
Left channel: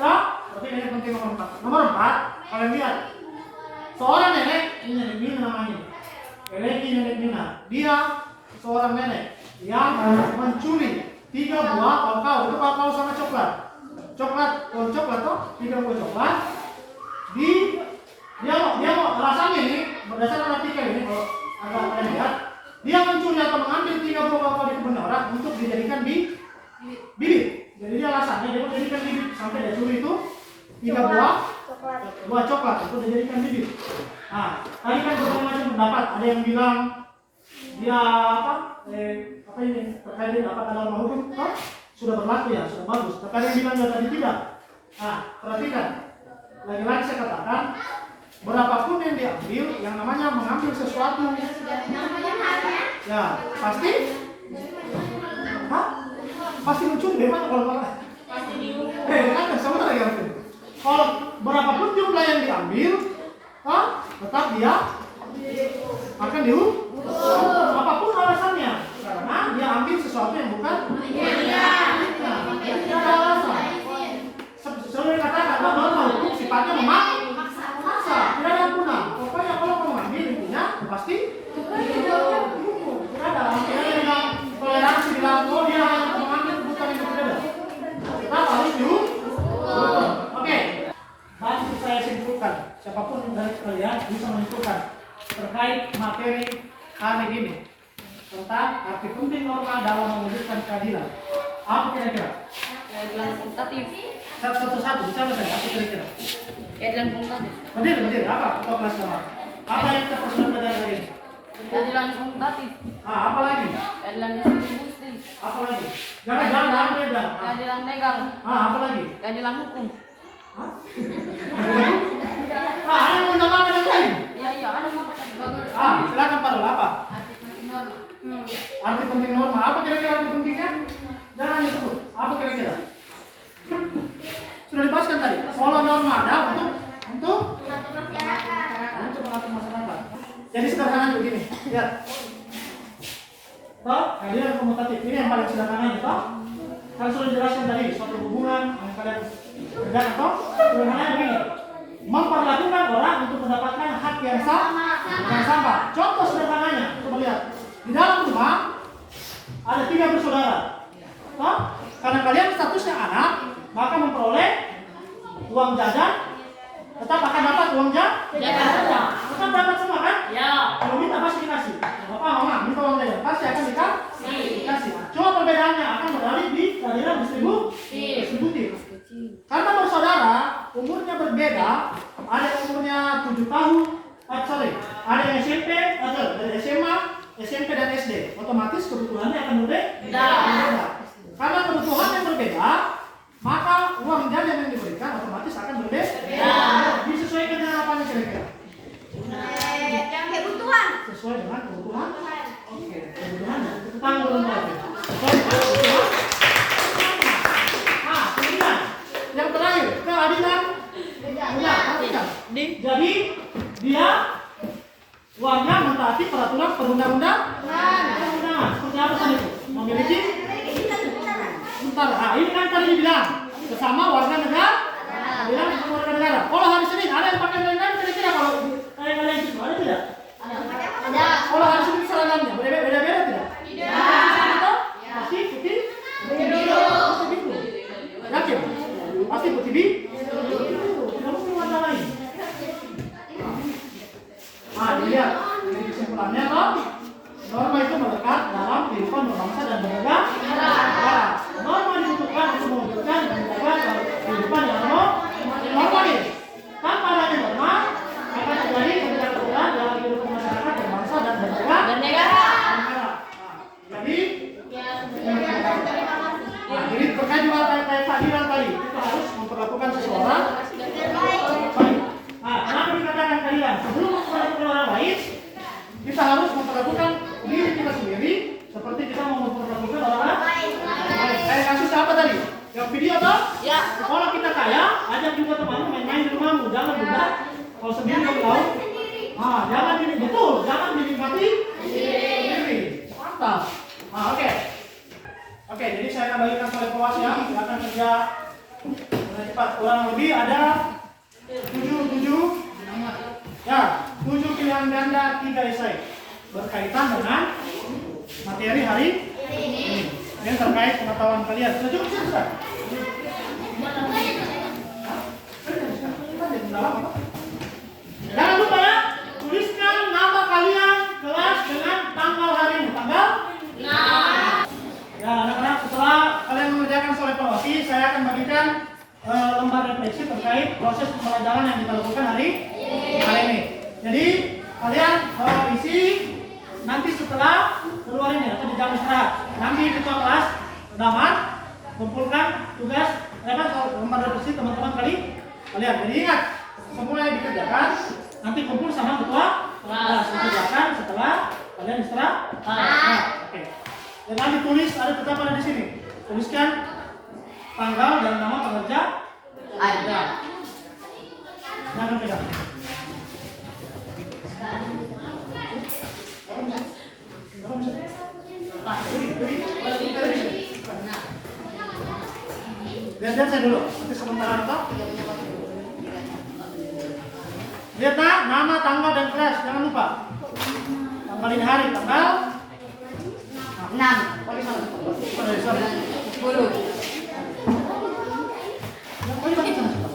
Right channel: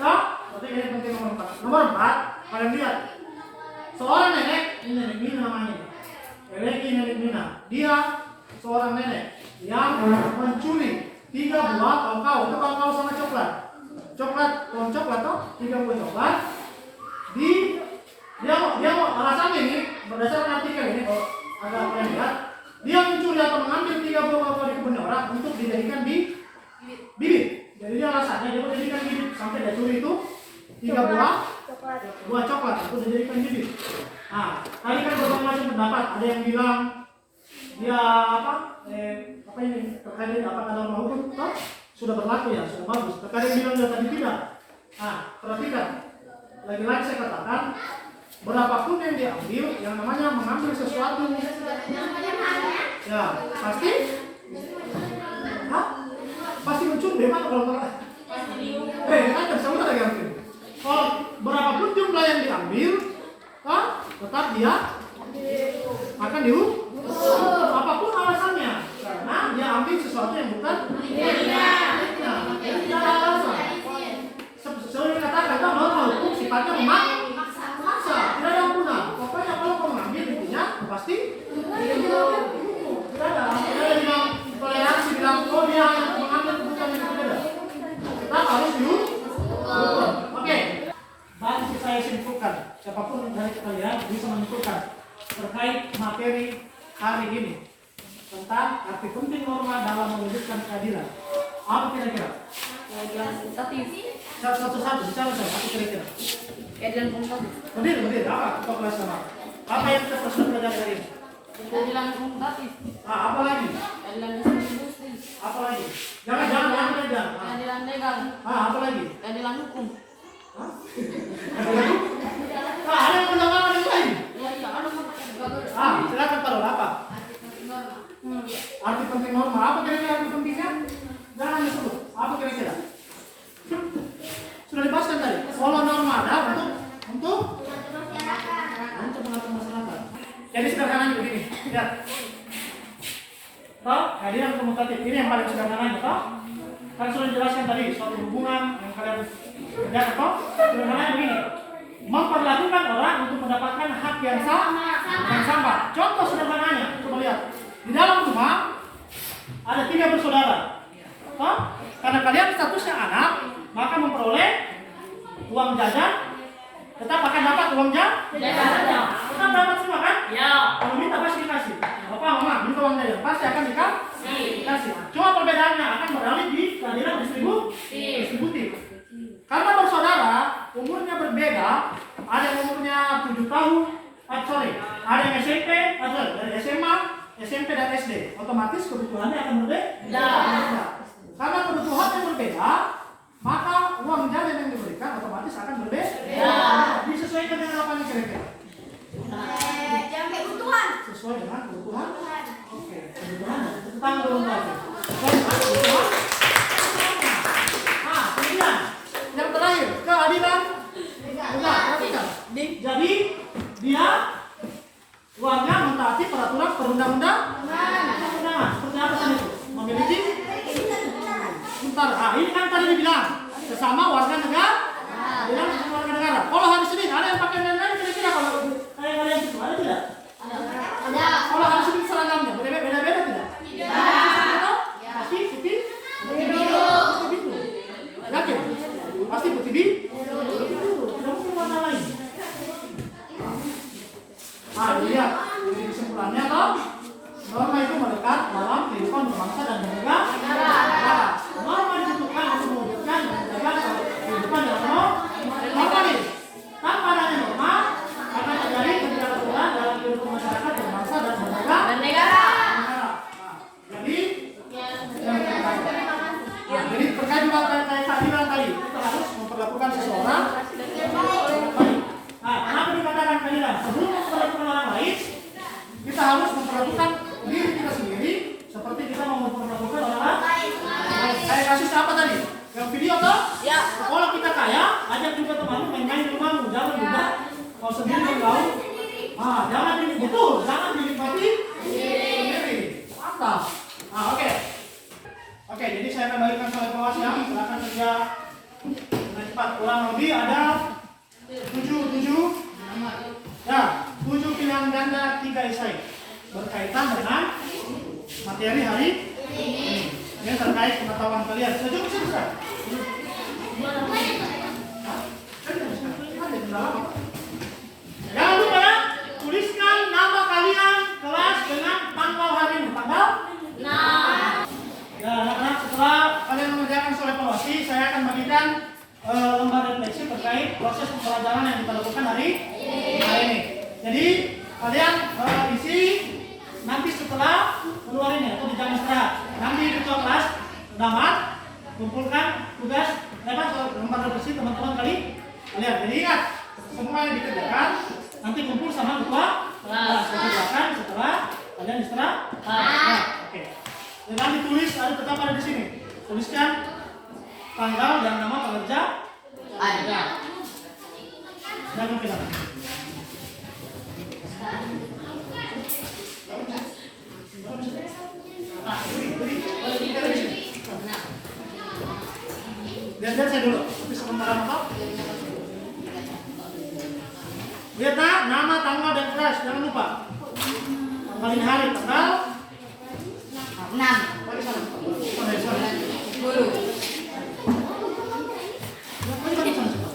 Toh? Tapi ini penting nomor 4. Nomor 4, kalian lihat. Seorang nenek, ini nenek Mina namanya. Nenek Mina. Dia seorang nenek yang mencuri 3 buah kakao. Itu kakao sama coklat. Pohon coklat toh? 3 buah coklat. Dia mau alasannya ini berdasarkan artikel ini kalau agak kalian lihat, dia mencuri atau mengambil 3 buah kakao di kebun orang untuk dijadikan bibit. Jadi dia alasannya dia mau jadikan bibit sampai dia curi itu 3 buah coklat untuk dijadikan bibit. Nah, tadi kan berbagai macam pendapat. Ada yang bilang dia apa ini terkait apa norma hukum toh sudah berlaku ya, sudah bagus. Tapi ada yang bilang dia tadi tidak. Nah, perhatikan. Lagi-lagi saya katakan, berapapun yang diambil, yang namanya mengambil sesuatu, ya pasti, pasti mencuri. Memang kalau kan sebentar lagi ambil. Kalau berapapun jumlah yang diambil, tetap dia akan dihukum. Apapun alasannya, karena dia ambil sesuatu yang bukan. Tidak ada alasan. Sesuai katakan kan norma hukum sifatnya memaksa, tidak ada ampunan. Pokoknya kalau kamu ambil intinya pasti dihukum. Tidak ada bilang toleransi, bilang oh dia yang mengambil kebutuhan itu, tidak ada. Kita harus dihukum. Oke. Bantu saya simpulkan. Siapapun dari kalian bisa menyimpulkan terkait materi hari ini tentang arti penting norma dalam mewujudkan keadilan. Apa kira-kira? Keadilan kuantitatif. Satu-satu bicara saya. Apa kira-kira? Keadilan kuantitatif. Berdiri. Apa? Kelas sama. Apa yang kita perlu pelajari hari ini? Keadilan kuantitatif. Apa lagi? Keadilan distribusi. Apa lagi? Jangan beda. Keadilan legal. Apa lagi? Keadilan hukum. Ada yang tidak ada lain. Ya, ada bagus. Silakan Pak Rul. Apa? Arti penting norma. Apa kira-kira arti pentingnya? Jangan disebut. Apa kira-kira? Sudah dibahaskan tadi. Kalau norma ada untuk mengatur masyarakat. Jadi sederhananya begini. Lihat. Toh, keadilan komutatif. Ini yang paling sederhananya, toh? Kan sudah dijelaskan tadi suatu hubungan yang kalian kerjakan, toh? Sederhananya begini. Memperlakukan orang untuk mendapatkan hak yang sama. Contoh sederhananya, coba lihat. Di dalam rumah ada 3 bersaudara. Toh? Karena kalian statusnya anak, maka memperoleh uang jajan, tetap akan dapat uang jajan. Tetap dapat semua kan? Ya. Kalau minta pasti dikasih. Bapak, mama minta uang jajan, pasti akan dikasih. Cuma perbedaannya akan beralih di keadilan distributif. Karena bersaudara, umurnya berbeda. Ada yang umurnya 7 tahun, ada yang SMP, dari SMA, SMP dan SD. Otomatis kebutuhannya akan berbeda. Karena kebutuhan yang berbeda, maka uang jajan yang diberikan otomatis akan berbeda. Disesuaikan dengan apa kira-kira? Sesuai dengan kebutuhan. Oke, kebutuhan. Tanggung belum lagi. Kebutuhan. Kemudian yang terakhir keadilan. Jadi dia uangnya mentaati peraturan perundang-undangan. Seperti apa tadi itu? Memiliki. Ini kan tadi dibilang sesama warga negara. Bilang sesama warga negara. Kalau hari Senin ada yang pakai lain-lain kira-kira kalau kalian itu ada tidak? Ada. Kalau hari Senin seragamnya beda-beda tidak? Tidak. Pasti putih biru. Yakin? Pasti putih biru. Tidak mungkin warna lain. kehidupan berbangsa dan bernegara. Norma dibutuhkan untuk mewujudkan dan menjaga kehidupan yang harmonis. Tanpa adanya norma akan terjadi ketidakaturan dalam kehidupan masyarakat berbangsa dan bernegara. Jadi jadi terkait juga kayak keadilan tadi, kita harus memperlakukan seseorang baik. Kenapa dikatakan keadilan? Sebelum memperlakukan orang lain, kita harus memperlakukan diri kita sendiri seperti kita mau memperlakukan orang lain. Kayak kasus apa tadi? Yang video toh? Ya. Kalau kita kaya, ajak juga temanmu main-main di rumahmu, jangan juga kalau sendiri kan kau. Jangan betul, jangan dinikmati sendiri. Mantap. Oke, jadi saya akan bagikan slide kelas ya. Silakan kerja dengan cepat. Kurang lebih ada 7 pilihan ganda 3 esai berkaitan dengan materi hari ini. Ini terkait pengetahuan kalian. Sudah cukup sih, Ustaz? Jangan lupa ya, tuliskan nama kalian kelas dengan tanggal hari ini. Tanggal? Ya, anak-anak, setelah kalian mengerjakan soal evaluasi, saya akan bagikan lembar refleksi terkait proses pembelajaran yang kita lakukan hari ini. Jadi kalian isi nanti setelah keluar ini atau di jam istirahat. Nanti ketua kelas Damar kumpulkan tugas lembar refleksi teman-teman kalian. Jadi ingat, semua yang dikerjakan nanti kumpul sama ketua kelas, dikerjakan setelah kalian istirahat. Oke. Jangan ditulis, ada tetap ada di sini. Tuliskan tanggal dan nama pekerja. Ada. Jangan beda. Lihat saya dulu. Tapi sebentar apa? Lihat nama, tanggal dan kelas. Jangan lupa. Tanggalin hari, tanggal 6 Bagi sana. 10. Bagi sana cepat.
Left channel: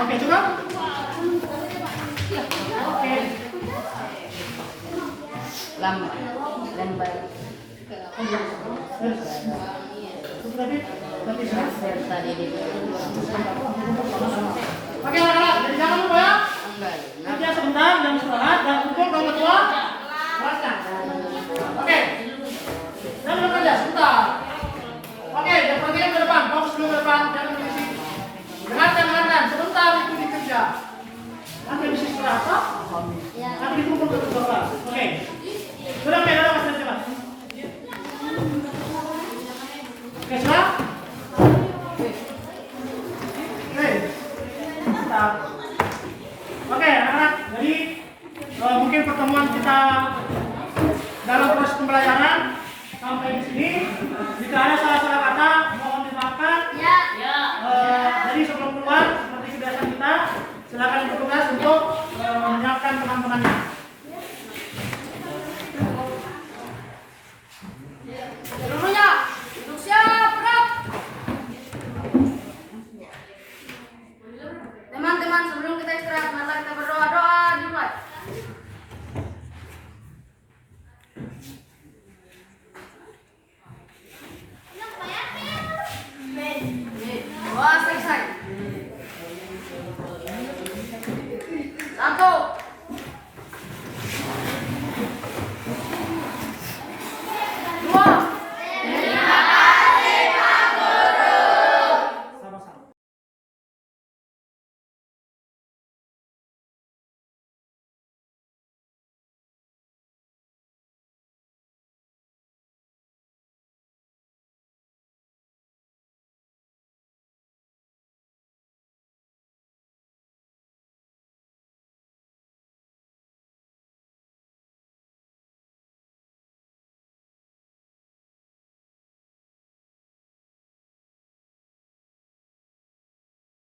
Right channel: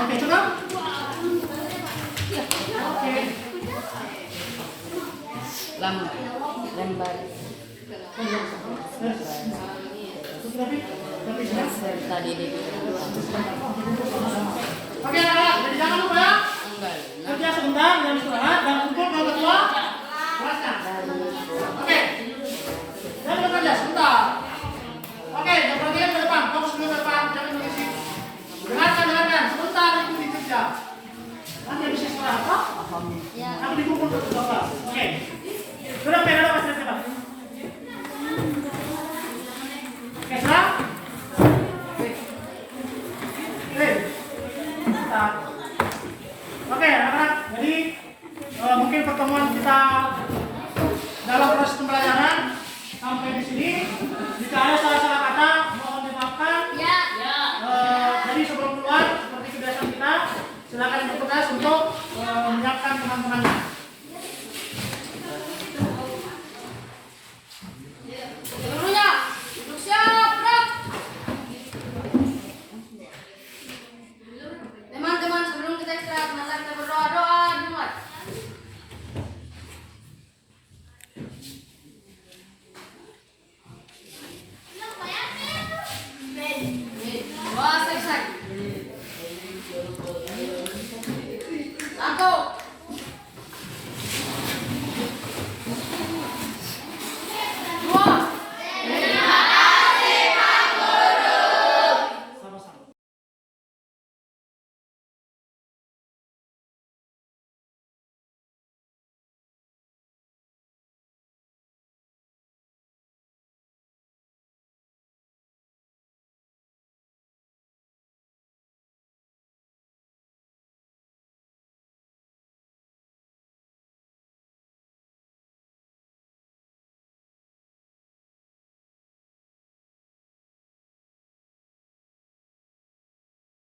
Oke, cukup? Oke. Lembar. Oke, anak-anak, jadi jangan lupa ya. Kerja sebentar, jam istirahat, dan kumpul dengan ketua kelasnya. Oke, jangan bekerja sebentar. Oke, yang perhatikan ke depan, fokus dulu ke depan, jangan mengisi. Dengarkan, sebentar itu dikerja. Nanti habis istirahat, Pak. Nanti dikumpul ke ketua kelas. Oke, sudah mas cepat. Oke, sudah? Mantap. Oke, anak-anak, jadi mungkin pertemuan kita dalam proses pembelajaran sampai di sini. Jika ada salah-salah kata, mohon dimaafkan. Jadi sebelum keluar, seperti kebiasaan kita, silakan bertugas untuk menyiapkan teman-temannya.